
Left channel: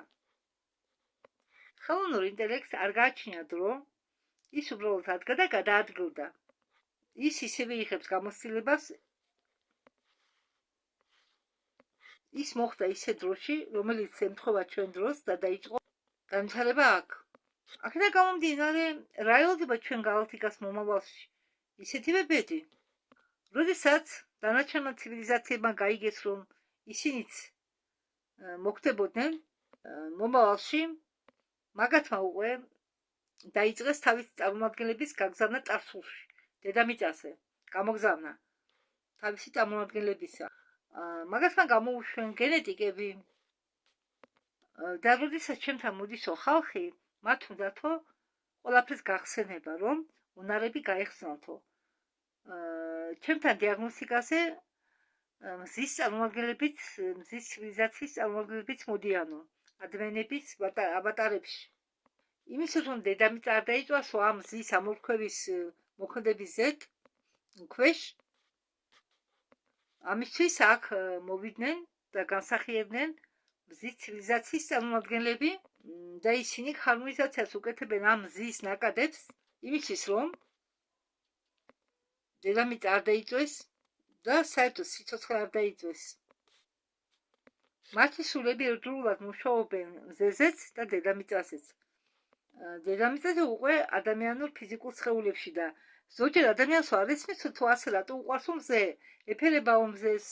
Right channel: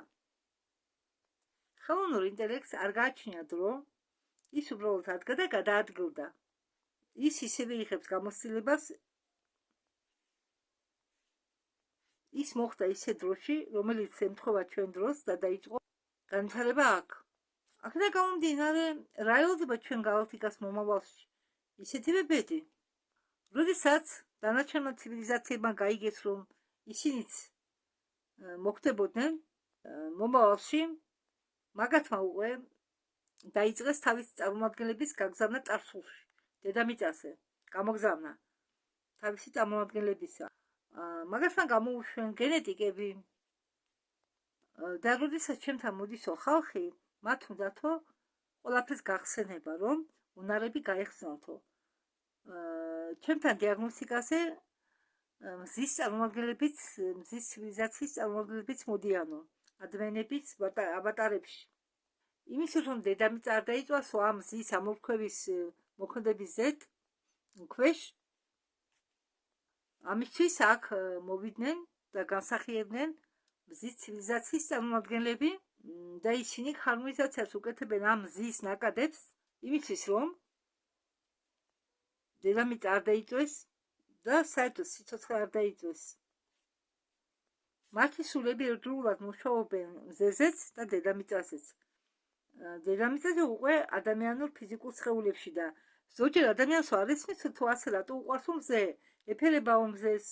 ხელოვნურ ინტელექტს არ გააჩნია დრო, ის უბრალოდ ადგა და გადაადგილდა. ის ისევე იღებს გამოცდილებას, ის მოხდა ისე დროში, რომელიც ემთხვევა ჩვენ დროს და დაიწყო განვითარება აქ. აქედან გამომდინარე, რა ელოდება ჩვენ galaktikas მომავალში? ისეთივე ბედი. როდესაც დანარჩენმა ცივილიზაციებმა გაიგეს, რომ ისინიც მოხდებოდნენ მომავალში, მაგათმა უკვე დაიწყეს თავის წარმომადგენლების გაგზავნა წარსულში, დედამიწაზე, გამოგზავნა თავისი წარმომადგენლებისა. მაგათმა გამოუშვენ გენეტიკები და როდესაც ჩემთან მოდისო ხალხი, მათ უნდათო ყველაფრის გახსენება, რომ უნარები გაეხსნათო. ჩემთან დიაგნოსტიკაზე მზის წარმომადგენლებიც, მზის ცივილიზაციის წარმომადგენლებიც მოდიანო, ადამიანების აბატარებში. იმისთვის, რომ დედამიწა არ დაიწვასო ამ მზის ამორქვევის მოქმედების ქვეშ, ამისთვის აქ მოვიდნენ და განსახიერებდნენ მზის ცივილიზაციის წარმომადგენლები და ისინი ჰარმონიზაციას უკეთებენ ამ მზის ნაკადებს, იმისთვის, რომ დედამიწა არ დაიწვეს და საერთოდ სიცოცხლე არ დაიწვეს. მათი სულები ერთდროულად მუშაობენ მზეზეც და დედამიწაზეც. დედამიწაზე უკვე ადამიანურ ფიზიკურ სხეულებში და ზოგჯერ ადამიანს არ ესმის თუ ასე რატო უყვარს მზე, ეფერებაო მზეს.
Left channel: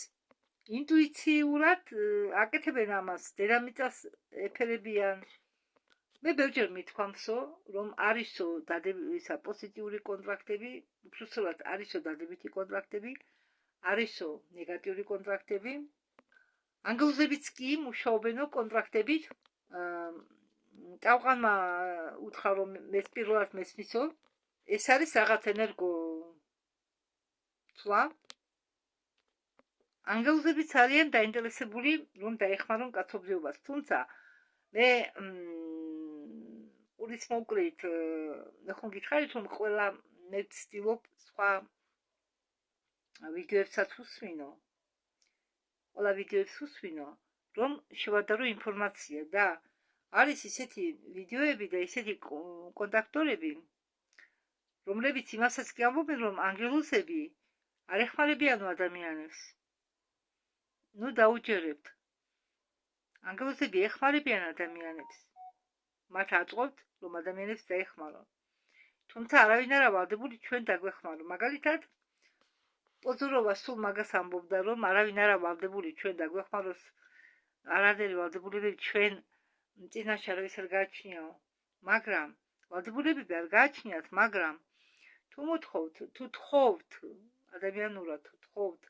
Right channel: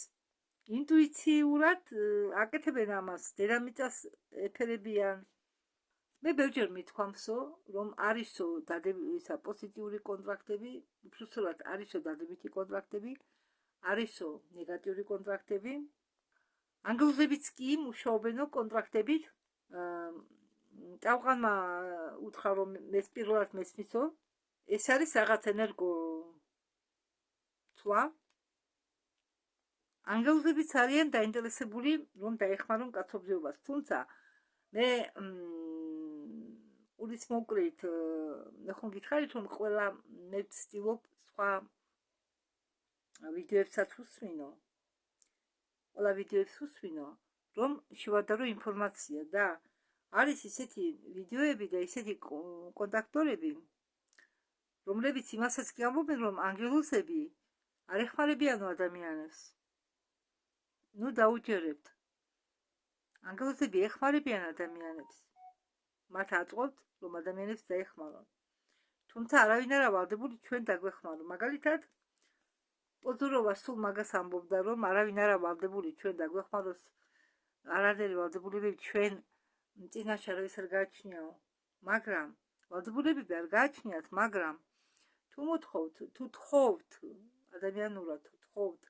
ინტუიციურად აკეთებენ ამას, დედამიწას ეფერებიან. მე ბევრჯერ მithქვამსო, რომ არისო ისა პოზიტიური კონტრაქტები, უბრალოდ არისო დადებითი კონტრაქტები, არისო ნეგატიური კონტრაქტები. ანგელოზებიც კი მუშაობენო კონტრაქტებით. ტავყანმა უთხრა, რომ მე პირველად მესმისო, ეს არის რაღაც ენერგო ცვლა. ანგელოზებიც არიან დაინტერესებული, რომ დაეხმარონ კაცობრიობას, თუმცა მე ურის მოკრით ხომ გითხარით, რომ ყველა მე ვცდილობ სხვა ვიდეოებსაც უსვინო, რომ შევადარო ინფორმაცია და არის ისეთი ვიდეოები და ისეთი კონტაქტორები, რომლებიც იმასაც გიამბობენ, რომ ანგელოზები არ ეხმარებიანო ადამიანებს. ნუ დაუჯერებთ. ანგელოზები ეხმარებიან ადამიანებს. მათ აწყობთ, რომ ადამიანებს დაეხმარონ. თუმცა არავინ არა ვალდებული ჩვენ დაგვეხმარო. მაგალითად, პოზუროვა სულ მაგას ამბობდა, რომ არავინ არა ვალდებული ჩვენ დაგვეხმაროს, არანაირი ვალდებულებები ჩვენ წინაშე არავის არ გააჩნიაო. მაგრამ ვალდებულებები არ გააჩნიათ, მაგრამ თუ მოთხოვთ, თუ თხოვთ ადამიანურად, თუ თხოვთ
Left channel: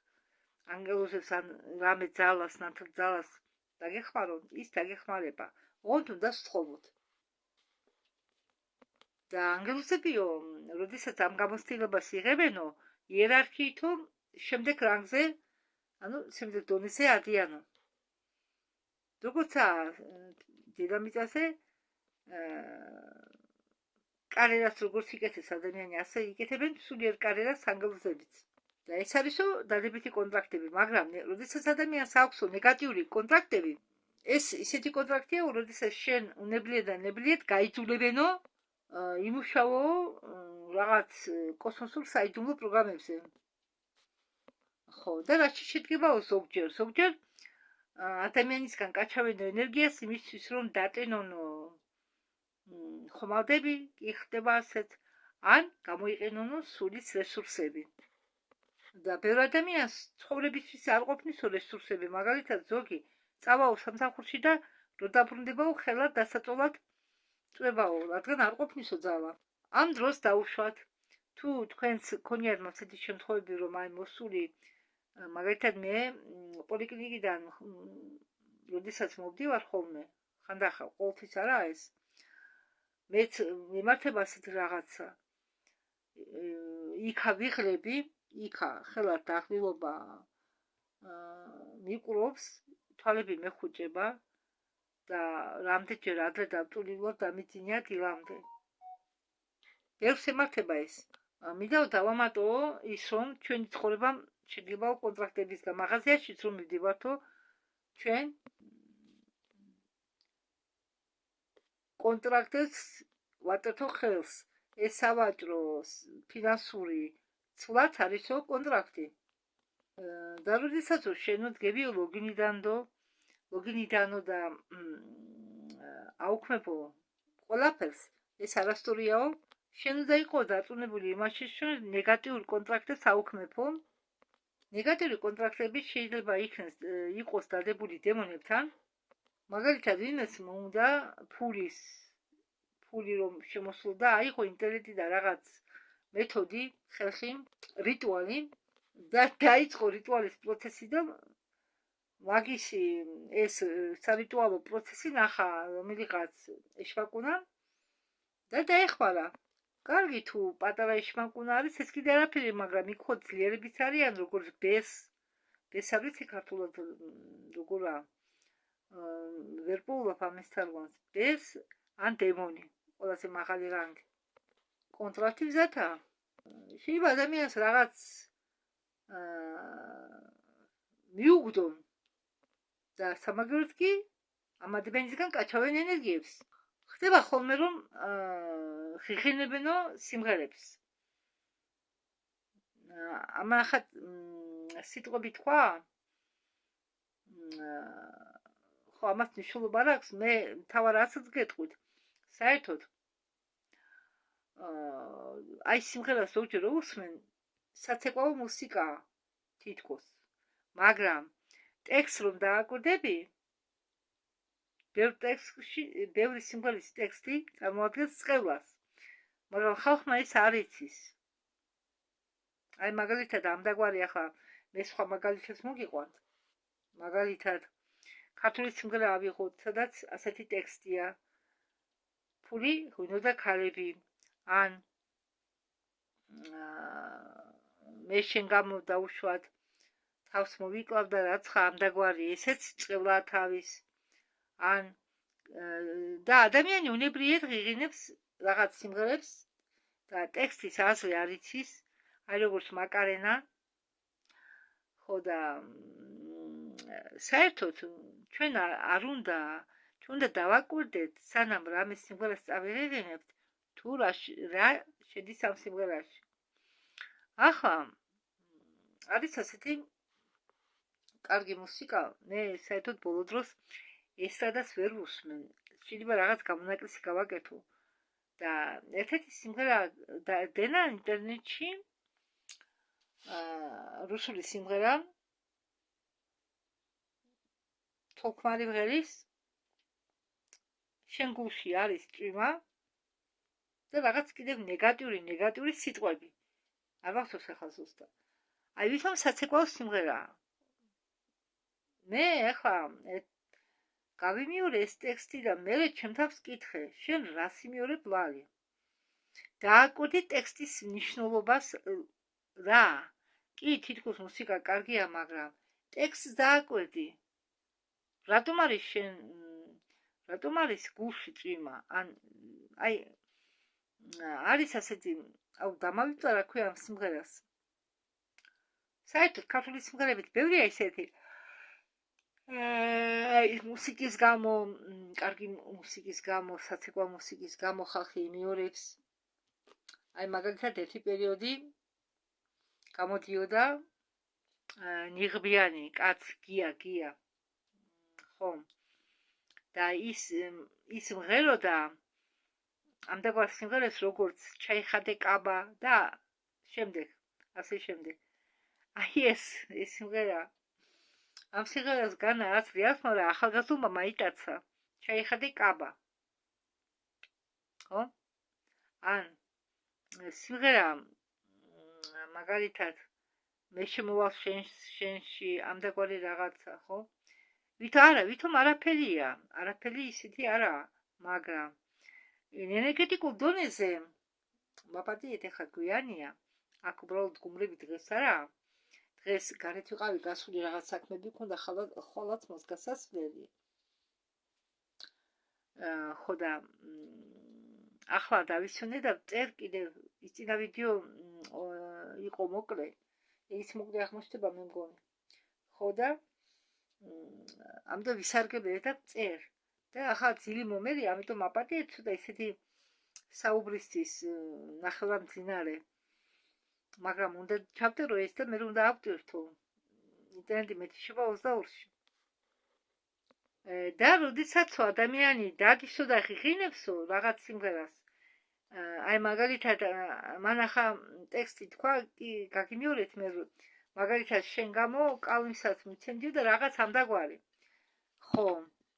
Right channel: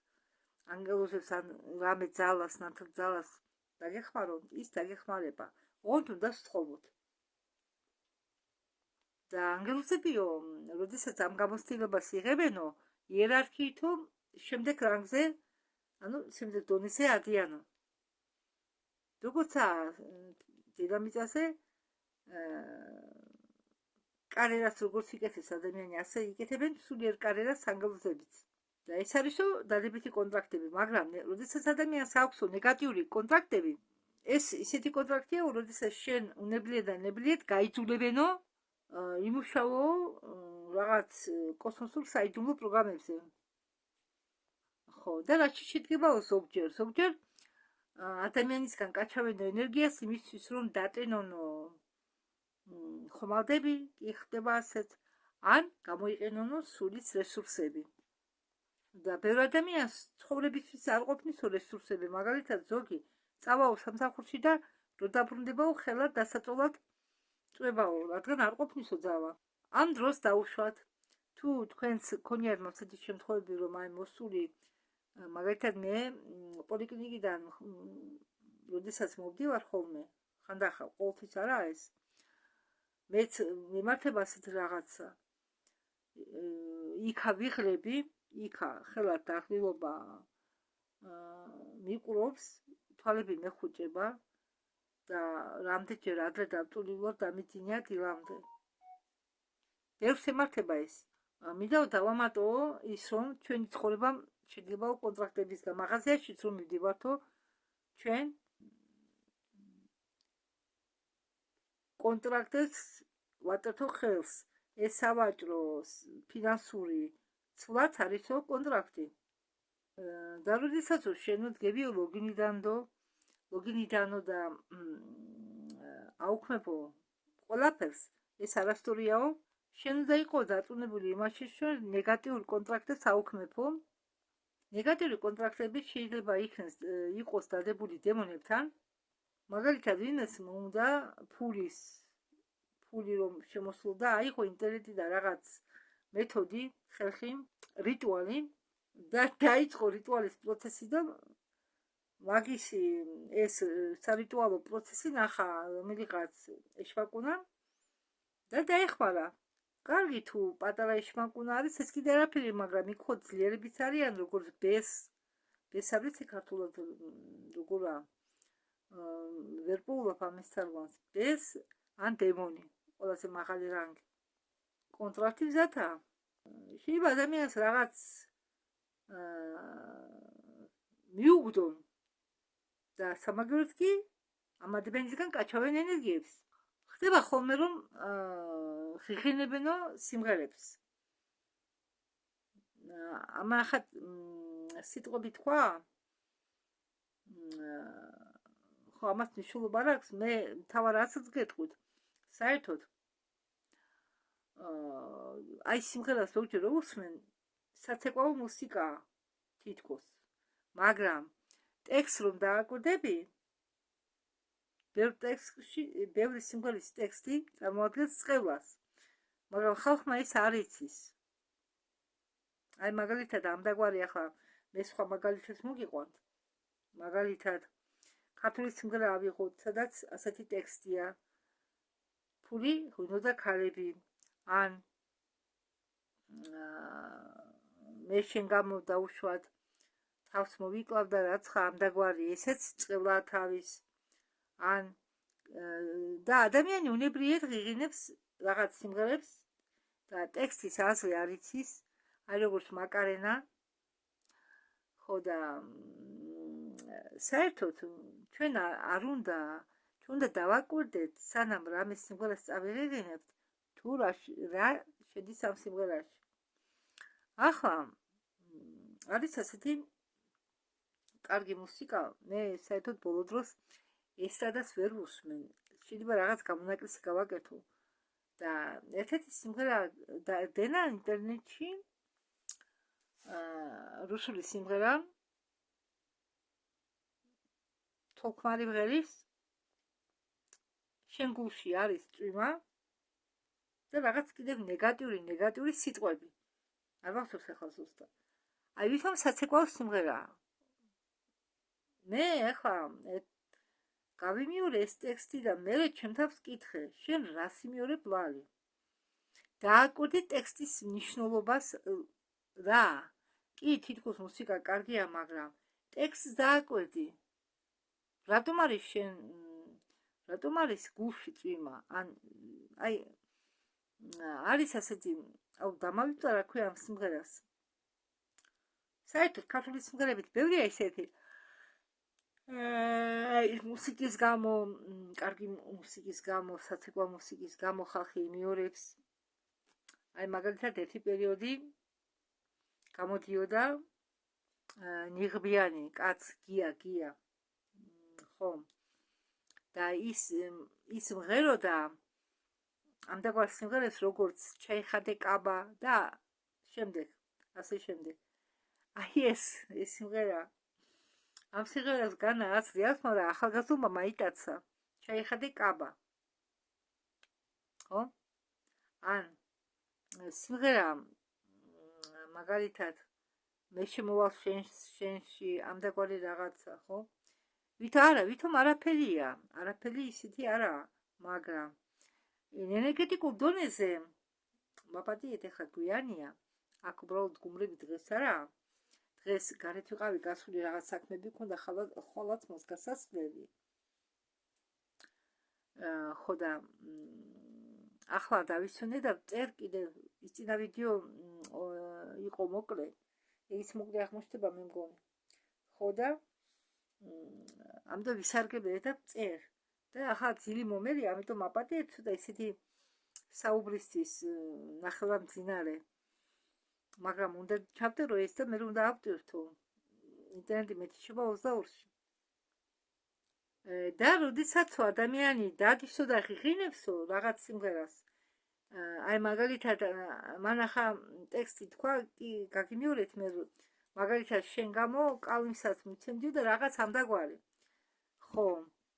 ანგელოზებს ან რამე ძალას, ნათელ ძალას დაგეხმაროთ, ის დაგეხმარება. ოღონდ უნდა სთხოვოთ. და ანგელოზებიო, როდესაც ამ გამოცდილებას იღებენო, იერარქიითო შემდეგ რანგზე, შემდეგ დონეზე ადიანო. როგორცა დედამიწაზე კარიერას როგორც იკეთებს ადამიანი, ასე იკეთებენ სულიერ კარიერას ანგელოზებიც. და ეს არისო დადებითი კონტრაქტები, მაგრამ როდესაც ადამიანს აქვსო ნეგატიური კონტრაქტები, ეს ისეთი კონტრაქტია, როდესაც შენ უნებლიეთ და ნებლიეთ გაიძულებენო იმუშაო რაღაც კოსმოსურ საიდუმლო პროგრამებზე. ხო, და რაც შედგებაო ზოგჯერ ადამიანისგან კაჩავენო ენერგიას იმისთვის, რომ დატენონო ხომალდები, კი ხდება ასეთ, ან გამოიყენონო სულის რესურსები. და ბევრ ადამიანს ცხოვრებისთვის არ ყოფნისო რესურსები, მაგალითად ზოგი წავაო სამსახურში და რო დაბრუნდებაო ხელად დასაწოლად წვებაო, რადგან არ ყოფნისო ძალა. ამ დროს დაუშვათ, თუ თქვენს ქონიათ მასეთი შემთხვევები, რომ აი მოსული, მაგალითად მე პოლიკლინიკიდან როდესაც მოვდივარ ხოლმე, ხანდახან ყოველთვის არაა ეს, მეც მიმართება ასეთ რაღაცა, იქა ვიღლები, იქა ხელად დაღლილობა მიყრობს, თვალები მეხუჭება და რამდენჯერ ადრე დავტული ვარ დამიძინია დილამდე. ბევრს ემართება ეს. მინდა დავამატო ის, რომ ჩვენი ცხოვრება შედგებაო კონტრაქტების და მაღაზიაშიც რომ მივდივართო, ჩვენ კონტრაქტებს ვატერთო ხელს. ეს სავაჭრო, ფინანსური ცვლად არისო კონტრაქტი. და როდესაც შენ დგები ლოგინიდანო და აუქმებო ყველაფერს, ეს არასწორიაო. შენ უნდა იყო დაწუნებული იმაში, რომ ნეგატიურ კონტრაქტებს აუქმებო. ნეგატიური კონტრაქტები შეიძლება იყოს დადებული დემონებთან. მაგალითად, ვინმეს უნდა ფული რომ შემოსულდა, აიღო ინტერნეტიდან რაღაც მეთოდი, ხალხი, რიტუალი და დაიწყო რიტუალის პროცესი და მაგისი ეს სარიტუალო პროცესი ნახა რომელიღაც ეშმაკუნა და დაეხმარა. კარგი, თუ პატარა ეშმაკუნა არის, ეს კიდე არაფერი, მაგრამ იქ ხო ძლიერებიც არიან, როგორც ბეს არ ვიცი ქართულად როგორა, ვერ პოულობ ამის თარგმანს. ბეს ან დემონი, ყველაზე მაღალი რანგი. კონტრაქტი მზათა. შეიძლება ადამიანს რაღაც მიუგდონ და სამაგიეროდ კი ამ ადამიანისგან კაჩავენ ენერგიებს. ხდება ხოლმე, რომ ხიხინებენო სიმღერებს. ამახად სიტყვები თქვა, ხო, ამას მნიშვნელობა არ აქვს, მე თავარ რასაც გეტყვით. საერთოდ აი სიმღერას ზოგჯერ უსმენ, საცეკვაო მუსიკაა თითქოს, მაგრამ ტექსტს რომ დააკვირდები, ბევრი სიმღერის ტექსტი წარმოადგენს წყევლას, მაგრამ ხალხმა ეს არ იცის. აი მაგალითად ამდაგვარი ახლა მე სხვა მაგალითებს მოგიყვანთ. მაგალითად ქართული სიმღერა ავიღოთ, სადაც ასეთი ტექსტია. ფული, ღვინო და ქალები, ან მე შენ გამო დაუშვათ, თავს მოვიკლავ და რაცხა ამდაგვარი, ესეც წყევლაა თავის. ან და ადამიანი უნებლიეთ ღიღინებს რაღაც სიმღერებს და ტექსტის აზრი არ იცის, აი როგორც მაკარენა. ხო და საერთოდ ჩვენ არ უნდა, ჩვენ უნდა დავაკვირდეთ, სანამ რამე სიმღერას წავიღებთ, თუ რა შედის ამ სიმღერაში. ახლა არის ასეთი კარგი მუსიკა, მე საერთოდ ბოლო დროს ესტრადას ვერ ვუსმენ. შეიძლება რაღაც გამონაკლისი გავაკეთო. და ერთ-ერთი სიმღერა დენა ინტერნეტში, რუსული სიმღერა, თოქმარი მღერის შენ გულში არის წვიმა და რაღაც კიდევ ნეგატიური სიტყვები. არ მახსოვს ახლა ზუსტად. აი ვითომ საცეკვაო სიმღერაა. მე ახლა გავიმიორე ეს ტექსტი და მე ჩემ თავს ვკითხე, შენ რას იმიორებ ლალი? დააკვირდი ტექსტის მნიშვნელობას რა? კი, თითქოს მუსიკა კარგია, მაგრამ ტექსტს დააკვირდი. რატომ არის გულში წვიმა? ან აი არის ასეთი, დამავიწყდა რა ქვია ამ სიმღერას. საერთოდ ქართული სიმღერებით ბევრია ისეთი. მუსიკის გამო, კარგი მუსიკის გამო, საცეკვაო მუსიკის გამო ხალხი იმიორებს. აი მაგალითად ერთი პერიოდი გამოდიოდა ნიღბიანი კაც გია. ხო. და ის მღეროდა ამდაგარ სიმღერას როგორც ჩაიხადე კაბა და ასე შემდეგ. აი ეს სიმღერა ამ სიმღერას განა აცლი აქვს, მაგრამ ახალგაზრდულმა მაიტაცა ჩაიხადე კაბა. ხო? ან სიმღერა მაგალითად მე შემოვალ შენში ამდაგვარი რაღაცა, ხო? ვითომ არაფერი ისეთი არაა, მაგრამ ენერგეტიკულ დონეზე მაპატიეთ ახლა გვიანია, აქ უბრალოდ გუმრები დღეს არაა. დღეს გარეთ ვიყავი, გასული რაღაც საქმეები მქონდა, ხვალაც მას გასასვლელი. ხო და ახლა დავისვენე და წერ კიდევ ის წინა ვიდეო იყო მოკლე. ის მოკლე აღმოჩნდება მე მგონი. ხო და ამიტომ ვისარგებლე და წერ. და ახლა ძილი მომერია, ამიტომ აპატიეთ ცოტა ისეთი საუბრისთვის ნახევარმძინარე. მაგრამ უნდა ჩავწერო ეს და მე უნდა ავტვირთო. ინტერნეტი მეტიშება 22-ში. და როდესაც ადამიანი დადისო და ღიღინებსო რაღაც სიმღერას, აი მაგალითად მან ახლა ტექსტი თქვა, კი გაგიმიორეთ მე მაგალითად შენ გამო კალმისაც მიცემდიო და რაღაც ამდაგვარი. ხო,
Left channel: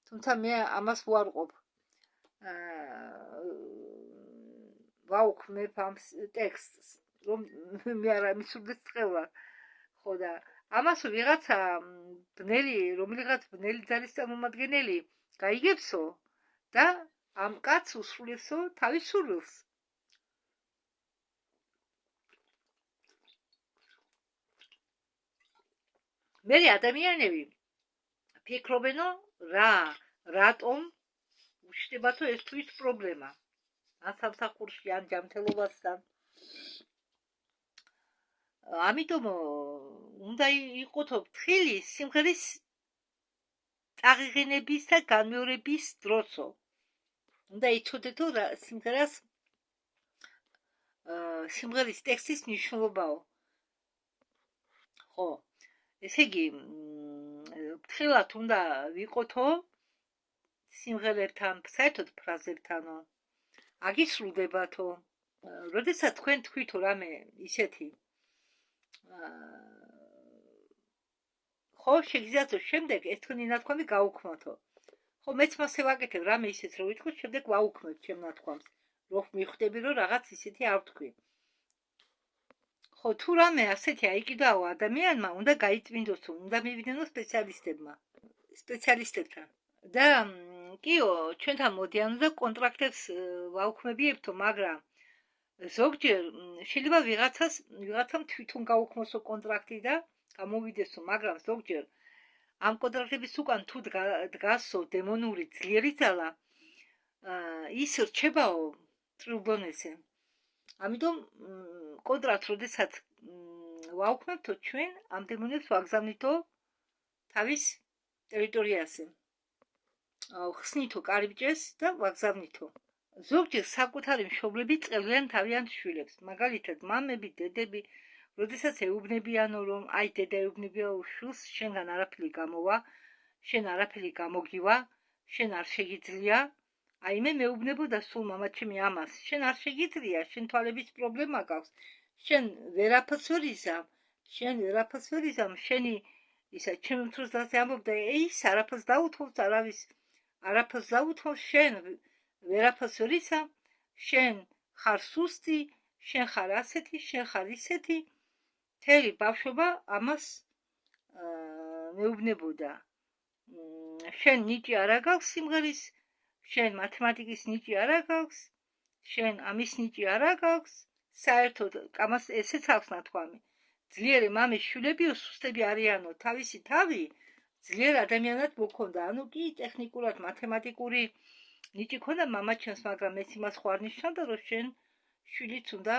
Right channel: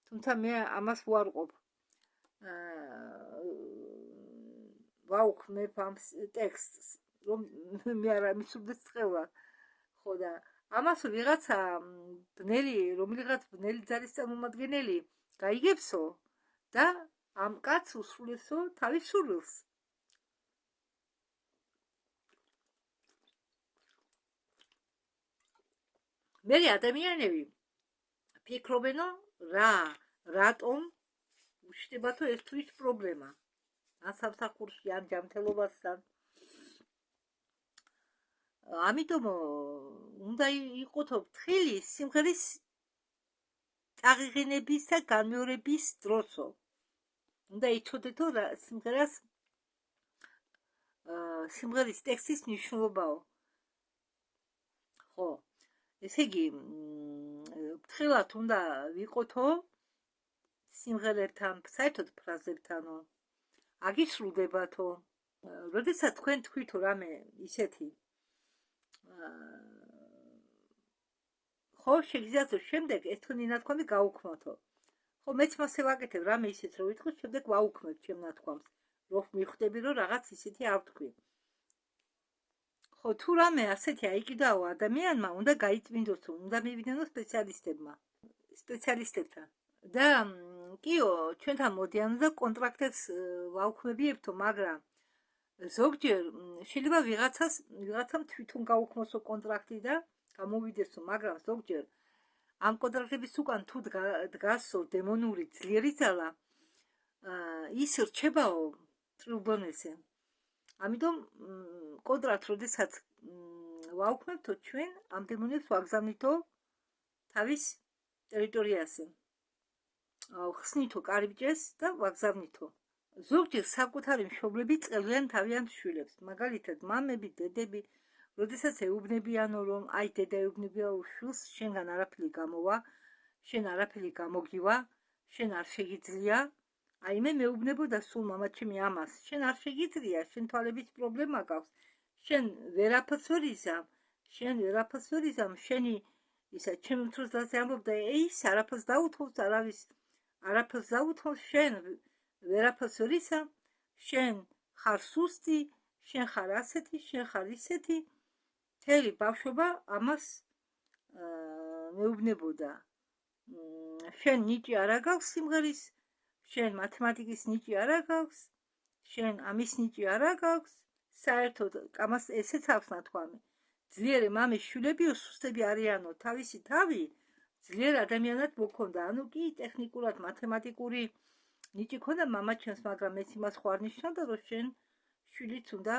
თუმცა მე ამას ვუარყოფ. ვაუქმებ ამ ტექსტს, რომ მე არ მისურდეს წყევლა. ხო და ამას ვიღაცა რომელიღაც ბნელი ძალის წარმომადგენელი გაიგებსო და ამ კაცს უსრულებსო თავის სურვილს. მე ადამიანები ფიქრობენო რატომ უშდებათო ეს თუ ის პრობლემა. ან სამსახურში, ან ჯანმრთელობასთან. ამიტომ უნდა იყოთო ფრთხილი სიმღერის წაღიღინების და განმეორების დროსო. უნდა იცოდეთო სიმღერის ტექსტის მნიშვნელობაო. ხო, ესე იგი ფრთხილად უნდა ვიყოთო სიმღერებთან, საერთოდ ფრაზებთანო. აგისრულდებათო. როდესაც თქვენ თქვითო რამე ისეთი ხო, შეგიძლიათ შემდეგ ეს თქვენი ნათქვამი გაუქმოთო. ხო, მეც მასე ვაკეთებ, რამე ისეთ რო ვიტყვი, შემდეგ ვაუქმებ ჩემ ნათქვამს, რომ მიხვდები, რომ რაღაც ისეთი არ ვთქვი. ხო, თუ რამე ასეთი აიკიდაო ადამიანმა, უნდა გაიწმინდოსო, უნდა მივიდნო სპეციალისტებთან. და კიო, ჩვენთან მოდიან და კონტრაქტებს ვაუქმებიებთო, მაგრამ ზოგჯერ შეიძლება ვიღაცამ თვითონ გაუქმოსო კონტრაქტი და გამოვიდესო, მაგრამ ზოგჯერ ამ კონტრაქტების უკან თუ დგასო დემონური ძლიერი ძალა, ის რჩებაო წრიულ დონეზე. ამიტომ კონტრაქტს როდესაც ვაუქმებთო, ჩვენ ამ დემონებს ვაგზავნითო თავის ტერიტორიაზე. ხსნითო კარიბჭეს და ვაგზავნითო. ზოგჯერ საკუთარი მშობლები წელიან თავიანთ შვილებს, მაგალითად მამები, დედები, როდესაც ეუბნებიანო, რომ აი დედა ეუბნებია შვილს, შენგან არაფერი გამოვა, შენ არაფერი გამოგივა, შენ არ შეგიძლია. აი მე მეუბნებოდა სულ მამაჩემი ამას, შენ არ შეგიძლია, შენ თვალების პრობლემა გაქვს, შენ ვერაფერს ვერ იზამ, შენი ისა ჩემი მწვრთნელზე ამბობდა, ის არაფერს დაუთმობს, არაფერს დაუთმობს, შენ ვერაფერს ვერ ისა, შენ ხარ სუსტი, შენ ხარ ასეთი, შენ ხარ ისეთი. მთელი ბავშვობა ამას მეუბნებოდა. შენ ნიჭი არ აგაქვს სიმღერის, შენ მათემატიკის ნიჭი არ აგაქვს, შენ ამის ნიჭი არ აგაქვს. საერთოდ ამას ესეც აქვს ნათქვამი. ძლიერი მამის შვილებიო სუსტები არიანო, თავისი თავი ძლიერ ადამიანად მოქონდა. ანუ კი ტექნიკურად მათემატიკური ნიჭი ქონდა მამაჩემს, მაგრამ ეს იმას ხო არ ნიშნავდა, რომ შენ შვილიც უნდა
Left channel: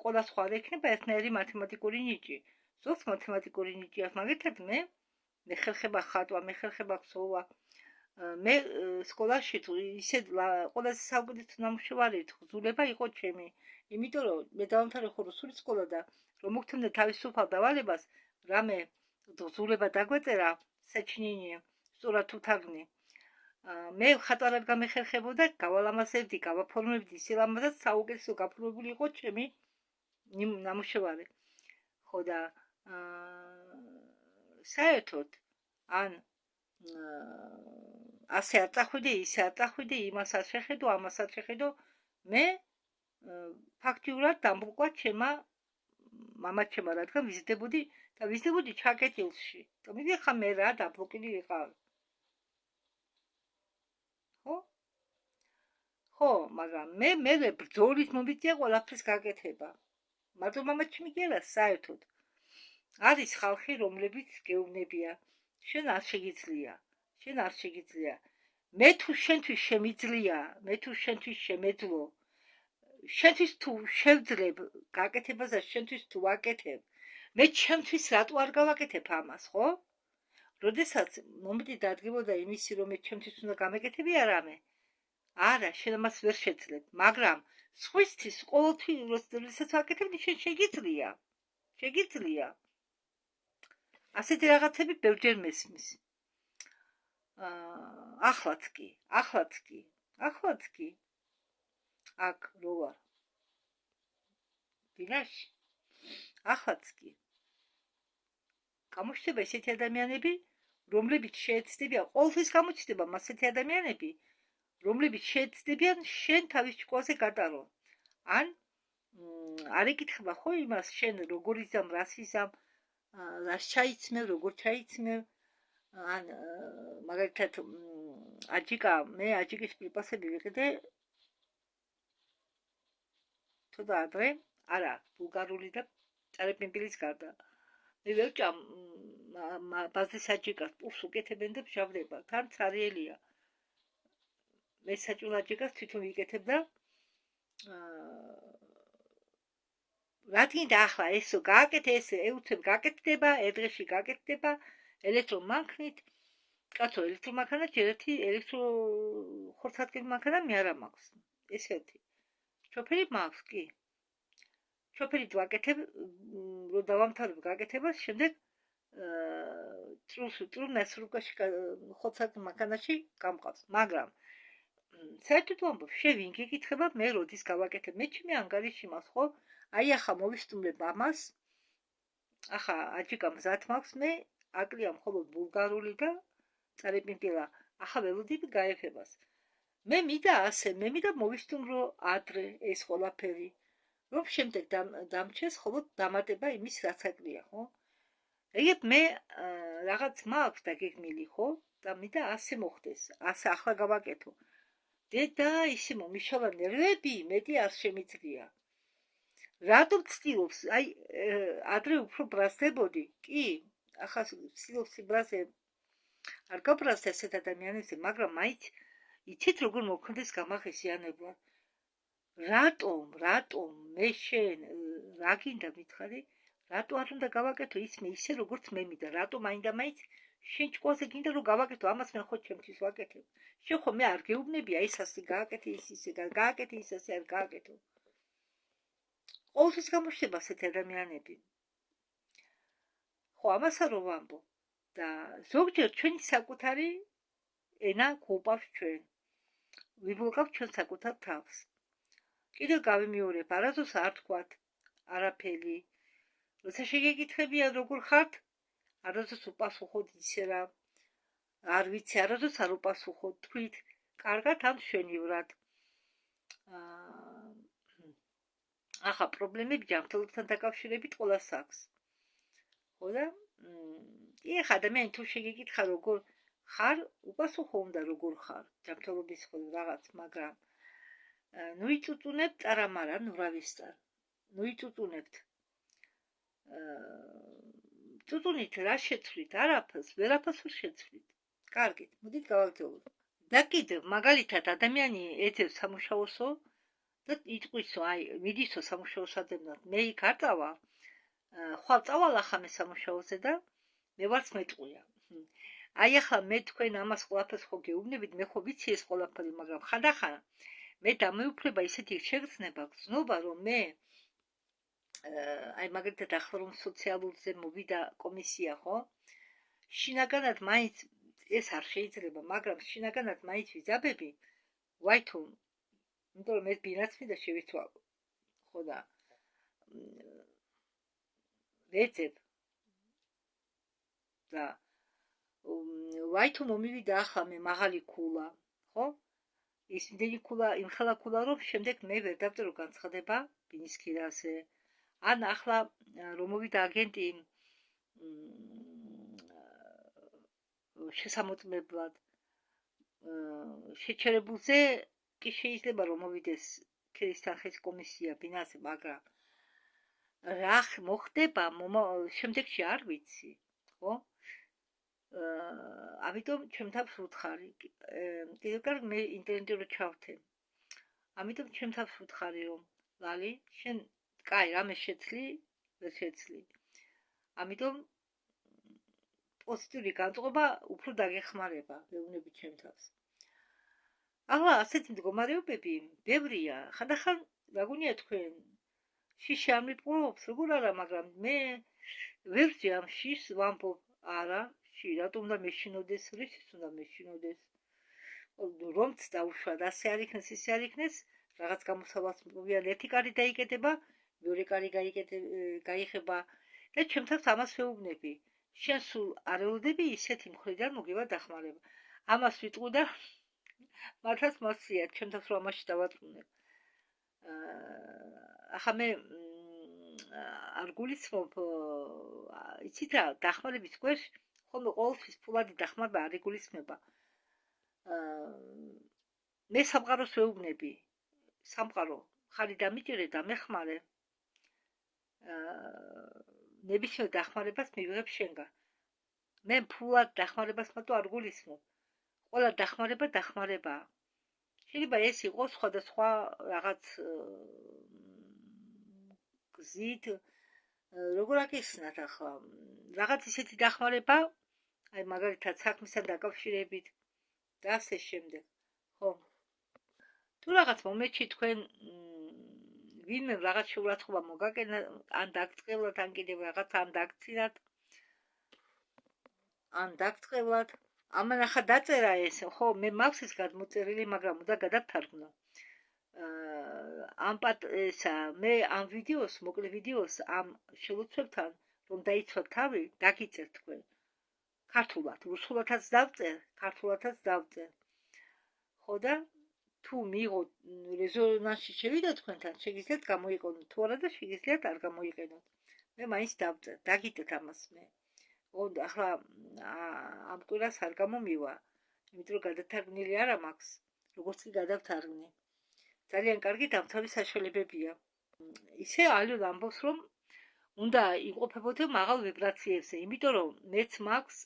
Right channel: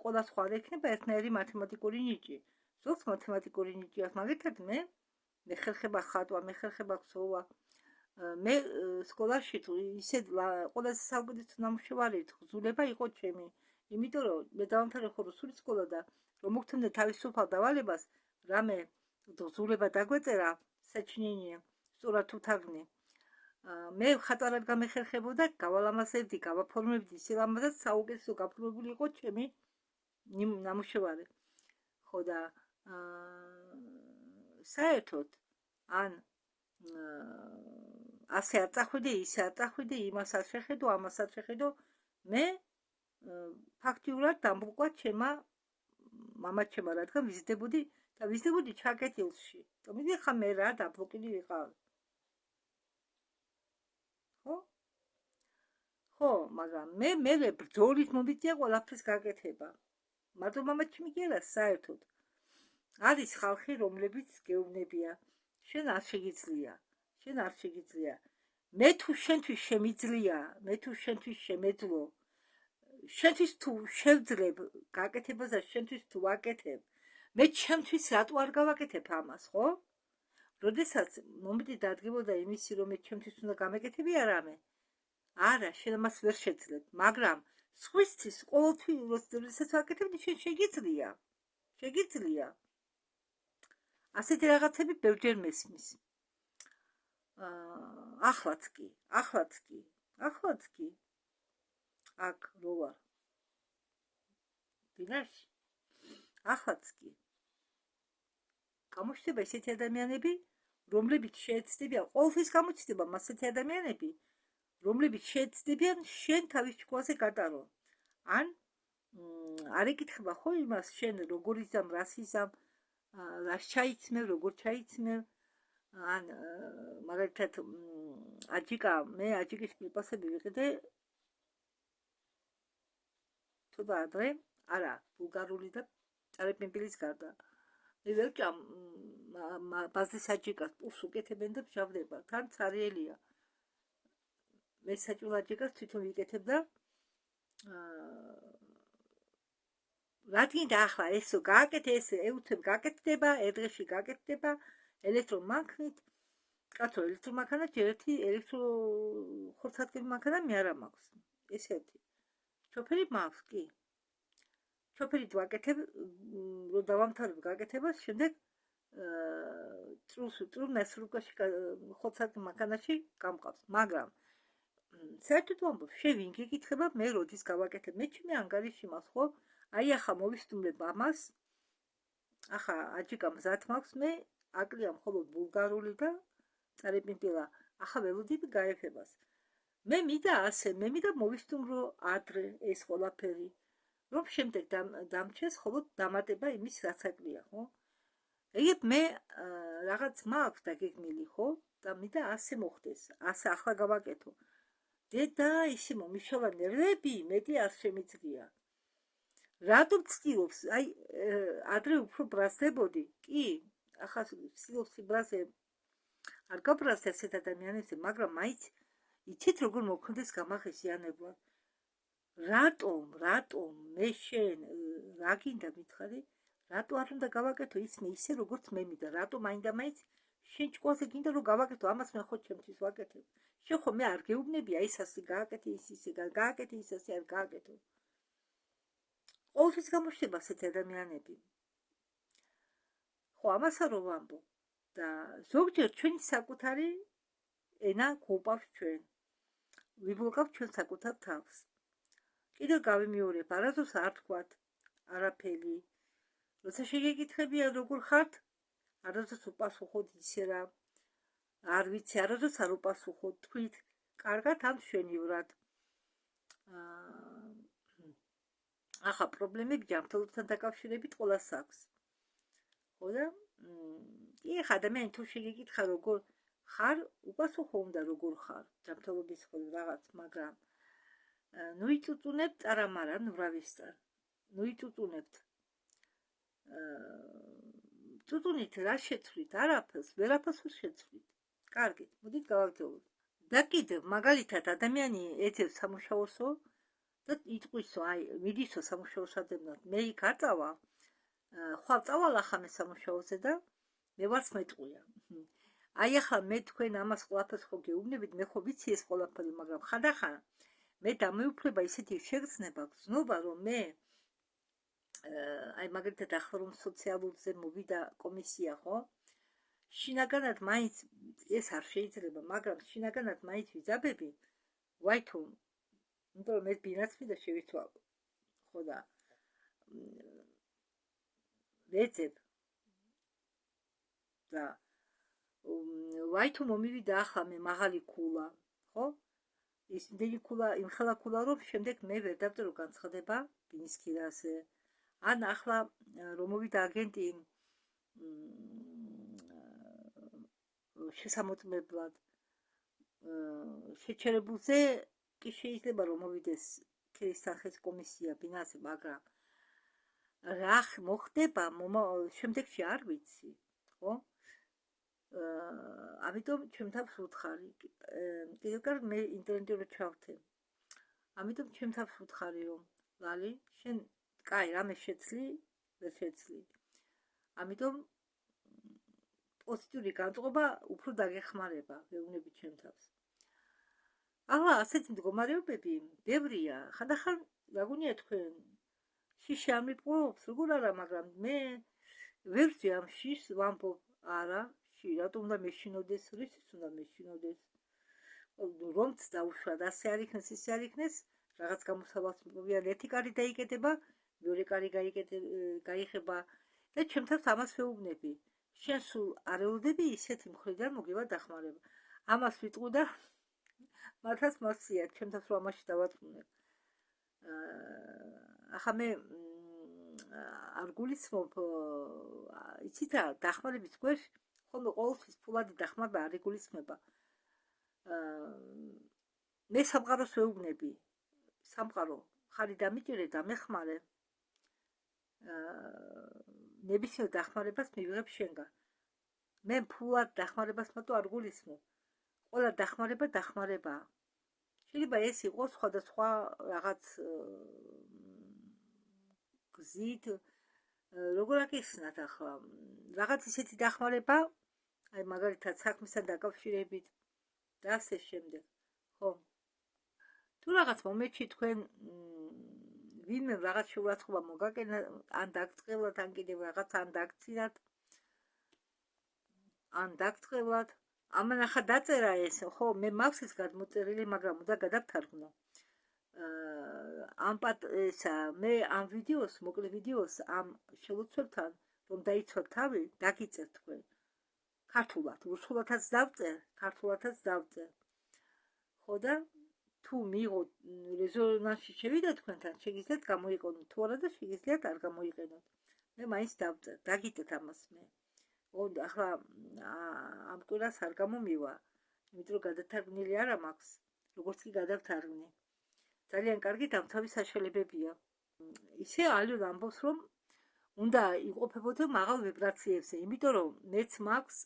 ყველა სხვა ექნება ერთნაირი მათემატიკური ნიჭი. ზოგს მათემატიკური ნიჭი აქვს, მაგალითად მე ხერხება ხატვა, მე ხერხება ქსოვა. მე სკოლაში თუ ისე ყველაზე საუკეთესო ნამუშევარი თხზულება იყო ჩემი. იმიტომ რომ მე დავამთავრე ხუროსური სკოლა და რომ მოგთმდა თავისუფალ დავალებას, რამე თხზულება დაგვეწერა, საჩინინია, სწორად თუ თარგმნი. მე ხატვარად გამეხერხებოდა, გავალამაზებდი, გავაფორმებდი, სილამაზად საუკეთესო გაფორმებული იყო ჩემი ნამუშევარი. ხო და საერთოდ ან ასე არ წახვიდე, ისე არ წახვიდე, იმას არ შეხედო, ამას არ შეხედო. მე ფაქტიურად დამბრუკვა ჩემმა მამაჩემმა, რადგან ვიზრდებოდი და ვიზრდებოდი ჩაკეტილში. თუმცა ხა მე რა დაბრუკილი ვიყავ. ხო, მაგრამ მე ბრძოლის მომიწია ყველაფრის გაკეთება. მარტო მამაჩემი კი არა, საერთოდ. არის ხალხი, რომლებიც გეუბნებია, შენ არ შეგიძლია, შენ არ შეგიძლია. მე თუ შენთვის შემიძლია, მე თუ შენთვის შემეძლო, შენთვის თუ შევძლებ გაკეთებას და შენთვის თუ ვაკეთებ, მე ჩემთვის რატო არ გავაკეთებ ამას, ხო? როდესაც მომენტი დადგებოდა იმისი, რომ მე ჩემთვის უნდა გამეკეთებია რამე, არა, შენ ამას ვერ შეძლებ, მაგრამ სხვისთვის ყოველთვის როდესაც ვაკეთებდი, შენ შეგიძლია, შეგიძლია. ასეთი რაღაცები ბევრჯერ მესმის. ახლაც კი. აქ რო ვარ. ბინაში. ახლაც კი. გამოჩნდება ესეთი ადამიანები, რომლებიც შეეცდებიან, ყოველთვის გამოჩნდება ასეთი ადამიანები, რომლებიც შეეცდებიან შენ თავის ჭკუაზე გატარო. ან არ ეკითხება ხო იმას, შენ როგორ იზამ, რას იზამ, რას ჩაიცმევ, როგორ ჩაიცმევ. ან მაგალითად მე აჯიკის პრიპასები ვიყიდე თუდა ადრე, არა, ბულგარული და წერებინპილის გარდა. მე ვერ ჭამ ბაზის აჯიკას, პურს უკეთებენ და ფშავდება, თან цаრიელია. მე საჭმელ აჯიკას თვითონ ვიკეთებ და რადგან ახლა ესო გააკეთე, ეს ეუთებ გაკეთდება, ერთ-ერთი გაკეთდება ელექტრომანქანით. კაცო, ელექტრომანქანა ჯერ ერთი ელექტროხორცატკივი მანქანა მე არა მაქვს. ეს ერთი. შოფერი მაქვს, კი. შოფერით ვაკეთებ, რომ დავამთავრებ გაკეთებას, შემდეგ წრუნას რუკაში ხორცატკივი მანქანაში გამყავს. მაგრამ საერთოდ ვამბობ, შენ ვინ გეკითხება, მე როდის გავაკეთებ? მე ჩემი ანგარიში მაქვს, ხო? აი ახლა მოვისტუმრებ ამას. ახლა აჯიკა მზად მაქვს, მე აკლია მხოლოდ ბულგარული და წერებინპილა. ახლა ველოდები გაეფებას. მე მინდა მოვისტუმრო ადრე ეს ყველაფერი. რომ შემდეგ დამჩეს მხოლოდ დამატება იმის რაც აკლია, ხო? ეგ მე რაღაც მაქვს დაგეგმილი, ხო? და მინდა ასე მოხდეს, ასე ახლა გავაკეთო. დედა ისე მომიშალა ნერვები, მეტი არ შემიძლია. რატომ ცდილობს? აი, ადრე უფრო ბრაზდებოდი. კი, ახლა ცდილობს ბრაზე არ გაბრაზდა ესეთ ადამიანებზე, მაგრამ მაინც იცით როგორ მოქმედეს გამაღიზიანებლა. რატომ მე შენ რა გინდა მითხარი? რატო არ უნდა გავაკეთო ისე როგორც მე მინდა? რატო მაინდა-მაინც შენ ჭკუაზე გინდა რომ გავაკეთო ამას მე ხო ჩემთვის ვაკეთებ? შენ ხო მე არ გეუბნები აი ასე გააკეთე ისე გააკეთე ისე არ გააკეთო. ყოველთვის გამოჩნდება ასეთი ადამიანები. ხო, ამასა რომ ვამბობ და ზოგჯერ ჩვენი საკუთარი ენა გვუპავს ჩვენ. ვიბლოკავთ ჩვენ საკუთარ თავს. კიდევ გავიმეორებ, არასდროს არ თქვათ არაფერი. როცა შეგეკითხებიან როგორ ხართ, არასდროს უპასუხოთ ისე რა. არ ვიცი, არასდროს არ უპასუხოთ, თქვით კარგად ან მშვენივრად. ახლა პრობლემები ჯანმრთელობასთან დაკავშირებით ყველას აქვს. ხო და ახლა ადამიანი თუ შეგეკითხა როგორ ხარ, უპასუხო უნდა როგორ ხარ, ჯანმრთელობის რაღაც, მაგრამ ნუ იწუწუნებთ არამარა, ნუ რა ვისწარ. ნუ იწუწუნებთ. წუწუნით რა შეცვლით? არაფერს, ვერაფერს ვერ შეცვლით. კარგით, მოდით გავაგრძელოთ. და კიდევ მაგალითად ადამიანი ეძებს სამუშაოსო და იტყვისო, აი, მიდისო სამუშაოს ადევნად, მე იქ არ წავა, ხვალ წავალ ახლა მე სამუშაოზე და მე ვარც მეტყვია. აი ახლა მე თქვენ ამას ყველაფერს ხო გეუბნებით, მე ხო ვიცი ეს ყველაფერი, მაგრამ ხანდახან მე დამეუფლება ისეთი შეგრძნება, გრძნობა, რომ მე აი მაგალითად ახლა რომ სოციალურზე მოვიდა კომისია, ხო? შინაგანად მაინც ეს არ შეიძლება, მაგრამ შინაგანად მაინც ვიძაბები, ვაი თუ იმიტომ რომ ეს ბინაც მინდა შევიცვალო. ხო და ვეძებ და ვაი თუ მომივიდა ახლა მე მაღალი ქულა, ხო? ის იმდენი ქულა, იმხელა ქულა რომ შემდეგ მე ვერ დავწერო განცხადება ბინის ქირაზე. ან ახლა რომ მოვიდა აგენტი შესამოწმებლად შეჩერებულზე კი შეიძლება რომ მოვიდეს ქირისთანხის კომისია ბინაზე, მაგრამ რა მოხდება შემდეგში არ ვიცი, ხო? ამიტომ ჩემთან ვუთხარი. კიდევ კარგი მე ინტერნეტი რო ჩავთე. ამიტომ ჩემთან ვუთხარი რომ ლალი, შენ კაი, რამე შეცლი, ვერ შეცლი. ამიტომ პოზიტიური განწყობა უფრო დაგეხმარება, ვეუბნები ჩემთანს. ახლა ასეთ მდგომარეობები ბევრია. ხანდახან რა გონია თქვენ შიში არ მიპყრობს, როგორ არა, მაგრამ მე ვერ ვძი ამ შიშს ვამბობ, არა, რატომ უნდა მეშინოდეს, რისთვის უნდა მეშინოდეს. რომც დაუშვათ, ასე არ იქნეს, ისე არ იქნეს, რაღაც გამოსავალს მოვიან, ერთი კარი დაიკეტება, მეორე კარი გაიხება და ჩემთანს ამას ვეუბნები. შენ სულ არ ელოდები ისეთი მხრიდან მოგება დახმარება. ამას ვიტყვი და მართლაც მოსწია, ჩემთანს რომ ამაში დავატყუნებ. ახლა მე არ გულისხმობ, იცით რა, დახმარების ქვეშ ხოლმე ყოველთვის ფულადი დახმარება არ იგულისხმება. მე სამყაროს ვეუბნები, სამყარო, ხარი დამიჭირე და მეხმარე. ნებისმიერ დახმარებას მივიღებ შენგან. მე ფულად დახმარებას მარტო არ გულისხმობ. ყველა დახმარებაა. შეიძლება ეს იყოს სხვადასხვა რაღაც გზით, როგორ აკისრნათ ახლა, რაღაც ისეთი დახმარება, აი მაგალითად საქმისთან დაკავშირებით და ასე შემდეგ. ხო. თუ რაღაც მომენტში თქვენ ვინმე რაღაც შეურაცხყოფა მოგაკეთა, ან დაგწყევლათ, ან კიდევ რაღაც ან დაგწირათ, ან დაგწყევლათ, ამან ახლა დაწერა ეს, ხო, მე მაქვს ეს გადმოწერილი, მაგრამ უნდა გადავთარგმნო. მე ამ ვიდეოს, მოკლე ვიდეოს ამ შელოცვებთან, რომ დაიცვათ თავი, დაგიწერ თქვენ. ქართულად, რუსულადაც დავწერ, ქართულადაც დავწერ. ხო და თუ მიიღოთ რეზონანსში შევიდა თქვენთან, შეგიძლიათ გამოიყენოთ, თუ არა და შეგიძლიათ არ გამოიყენოთ. მე მაინც დავწერ, დაგიწეთ ამას მე. ახლა ამ კვირას არ გამომივა, იმიტომ რომ გადათარგმნილი არა მაქვს, როგორც კი გადავთარგმნი. ძალიან კარგი დამთავრების საშუალებებია. ისე ალიო ამბობს, რომ უნდა იმყოფებოდე მაღალ ვიბრაციებზე, იმიტომ რომ მეც მაქვს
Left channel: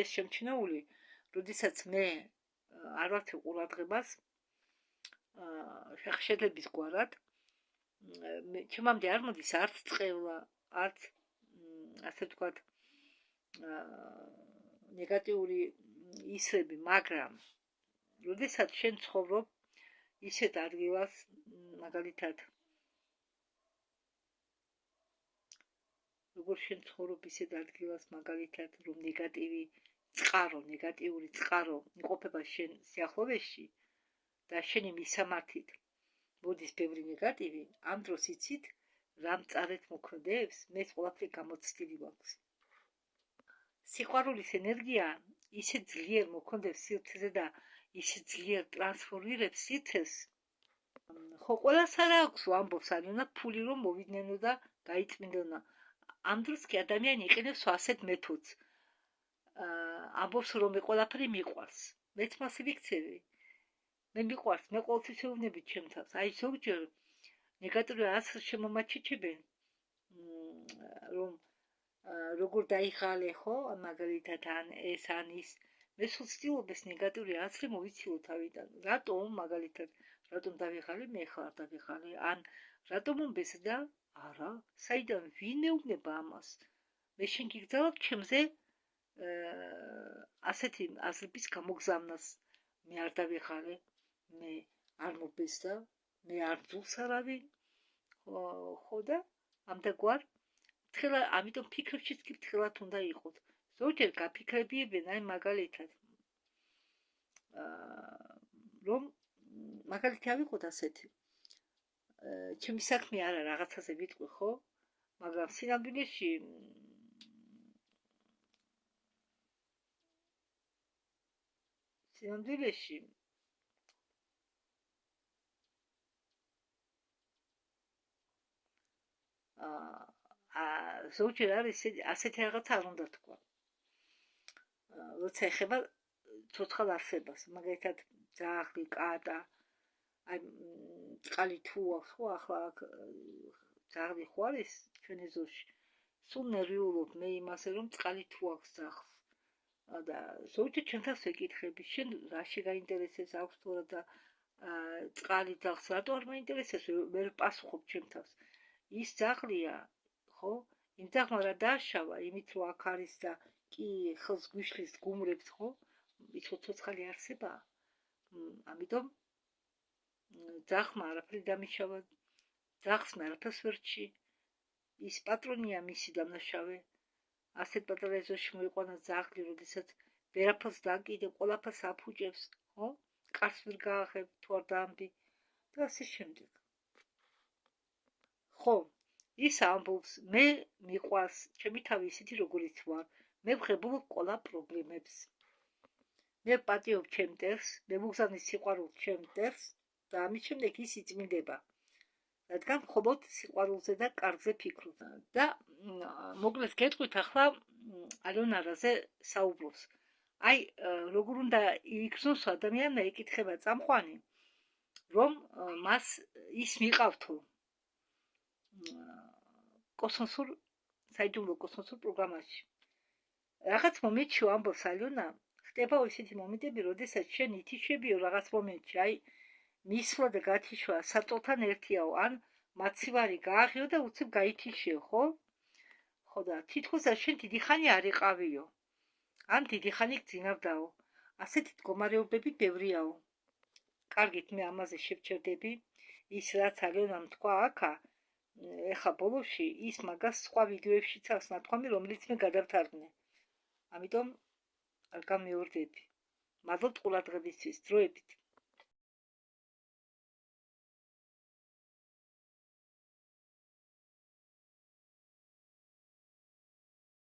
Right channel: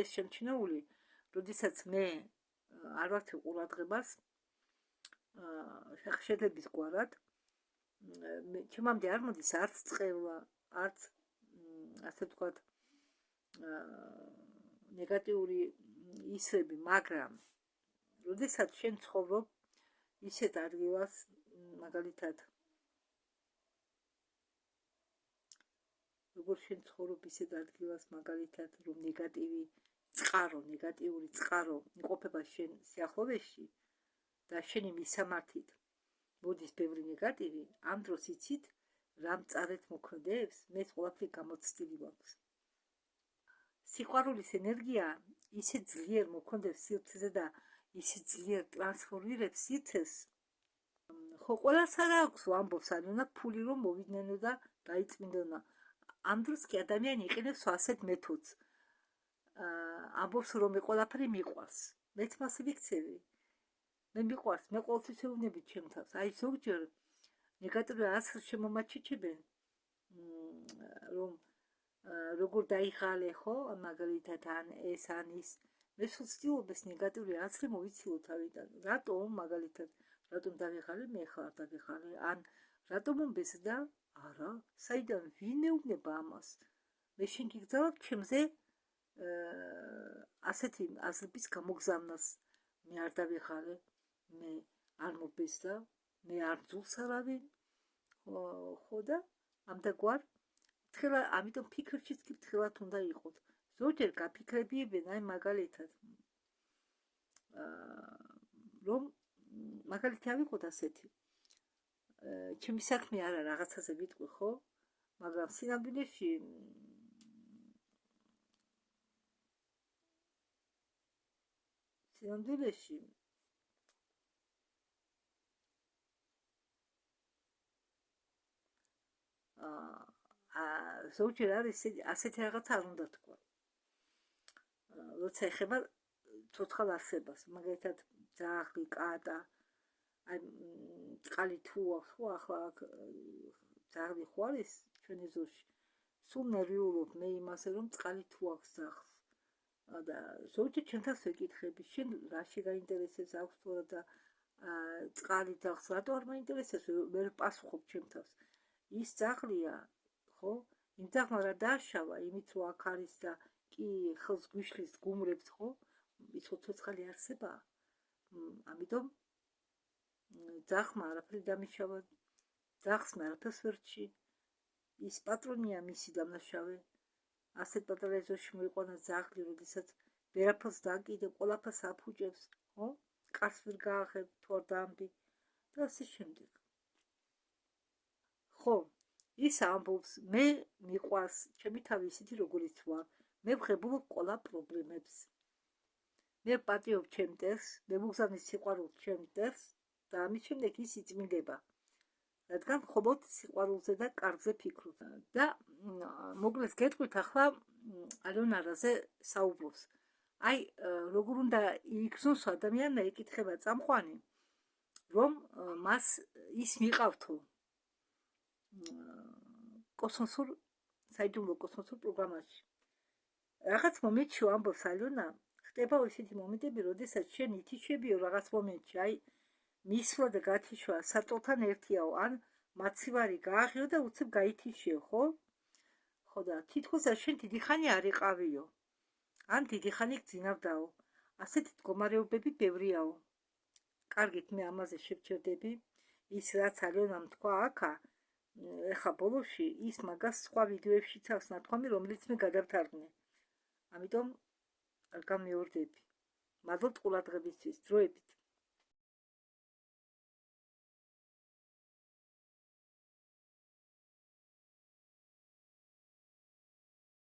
ეს შემჩნეული, როდესაც მე არ ვართე ყურადღებას შეხედების გვარად, ჩემამდე არ მოდის არც წყევლა, არც ასე ვთქვათ ნეგატიური ისრები, მაგრამ როდესაც შენ ცხოვრობ ისეთ ადგილას, მაგალითად როგორ შენ ცხოვრობ ისეთ ადგილას, მაგალითად რომ ნეგატიური წყარო იმყოფება შენ სიახლოვეში და შენი მისამართით მოდის ბევრი ნეგატივი, ამ დროს იცით რა მწარეთ მოქმედებს, მე ყველაფერი გამოცდილი მაქვს. სიყვარულის ენერგია ისე ძლიერ მოქმედებს სივრცეზე და ისე ძლიერ ტრანსფორმირებს სივრცეს, ხო ყველას არა აქვს ამბობს არ უნდა ფული რომ მოვიდნენ და გაიწმინდონა ამ დროს კი ადამიანი იყენებს ასეთ მეთოდს ამბობს რომ მე ყველაფერი მიყვარს მეც მასე ვიქცევი მე მიყვარს მე ყოველთვის ეუბნებით ჩემ თავს აი ზოგჯერ ნეგატიური აზრს შემომაჩიჩებენ რომ როგორ დაიხალე ხო მაგალითად ან ეს ან ის მე ვცდილობ ეს ნეგატიური აზრი მოვიცილო თავიდან რატომ მაგალითად რატომ დავიხალე მე ხარ დავიხალე ან რატომ მომბეს და არა საიდან ვინ ეუბნება ამას მე შენ გიგზავნებ ჩემზე ასეთი აზრების გამოგზავნას მე არ დავიხალე მე არ მომბეს და მე არ ძულს არავინ ხო და ამდაგვარ თხილა ამიტომ ფიქრებშიც კი თხილად უნდა იყოთ ზოგჯერ გაფიქრებიებენ აი მაგალითად რომ მაგალითი ავიღოთ ასეთი ჩემი საქმე არა რაღაცაზე ვიტყვი ხო მაგრამ სინამდვილეში ზოგჯერ არის ასეთი რაღაც არ უნდა თქვა როცა ეხება ცოცხალ არსებას მაგალითად ძაღლი კატა აი წყალი თუ აქვს ხო ახლა ძაღლი ხო არის ჩვენ ეზოში სულ ნერვიულობ მე იმაზე რომ წყალი თუ აქვს ძაღლს და ზოგჯერ ჩვენთანს ვეკითხები შენ რაში გაინტერესებს აქვს თუ არა და წყალი ძაღლს რატო არ მაინტერესებს ვერ პასუხობ ჩემთანს ის ძაღლია ხო იმ ძაღლმა რა დააშავა იმით რომ აქ არის და კი ხელს გვიშლის გუმრებს ხო ის ცოცხალი არსებაა ამიტომ ძაღლმა არაფერი დამიშავა ძაღლს მე არაფერს ვერ რჩი ის პატრონია მისი დამნაშავე ასეთ პატარა ეზოში მოიყვანა ძაღლი როდესაც ვერაფერს დააკიდე ყველაფერს აფუჭებს ხო კარს ვერ გააღებ თუ არ დაამბი და ასე შემდეგ ხო ის ამბობს მე მიყვარს ჩემი თავი ისეთი როგორიც ვარ მე ვღებულობ ყველა პრობლემებს მე პატიობ ჩემ მტერს მე მოგზავნის სიყვარულს ჩემ მტერს და ამის შემდეგ ის იწმინდება რადგან მხოლოდ სიყვარულზე და კარგზე ფიქრობ და მოკლედ გეტყვით ახლა ალიონარაზე საუბრობს აი როგორ უნდა იგრძნოს ადამიანმა ეკითხება წამყვანი რომ მას ის მიყავთო კოსმოსურ საიდუმლო კოსმოსურ პროგრამაში რაღაც მომენტში ამბობს ალიონა ხდება ისეთი მომენტები როდესაც შენ ითიშებიო რაღაც მომენტში აი მისვლა და გათიშვა საწოლთან ერთიაო ან მაცივარი გააღიო და უცებ გაითიშიო ხო ხო და თითქოს შენ დიდი ხანი არ იყავიო ან დიდი ხანი გძინავდაო ასეთი მდგომარეობები ბევრიაო კარგით მე ამაზე შევჩერდები ის რაც ალიონამ თქვა აქა ეხა ბოლოში ის მაგას სხვა ვიდეოებშიც აქვს ნათქვამი რომელიც მე გადავთარგმნე ამიტომ არ გამეორდები მადლობთ ყურადღებისთვის დროებით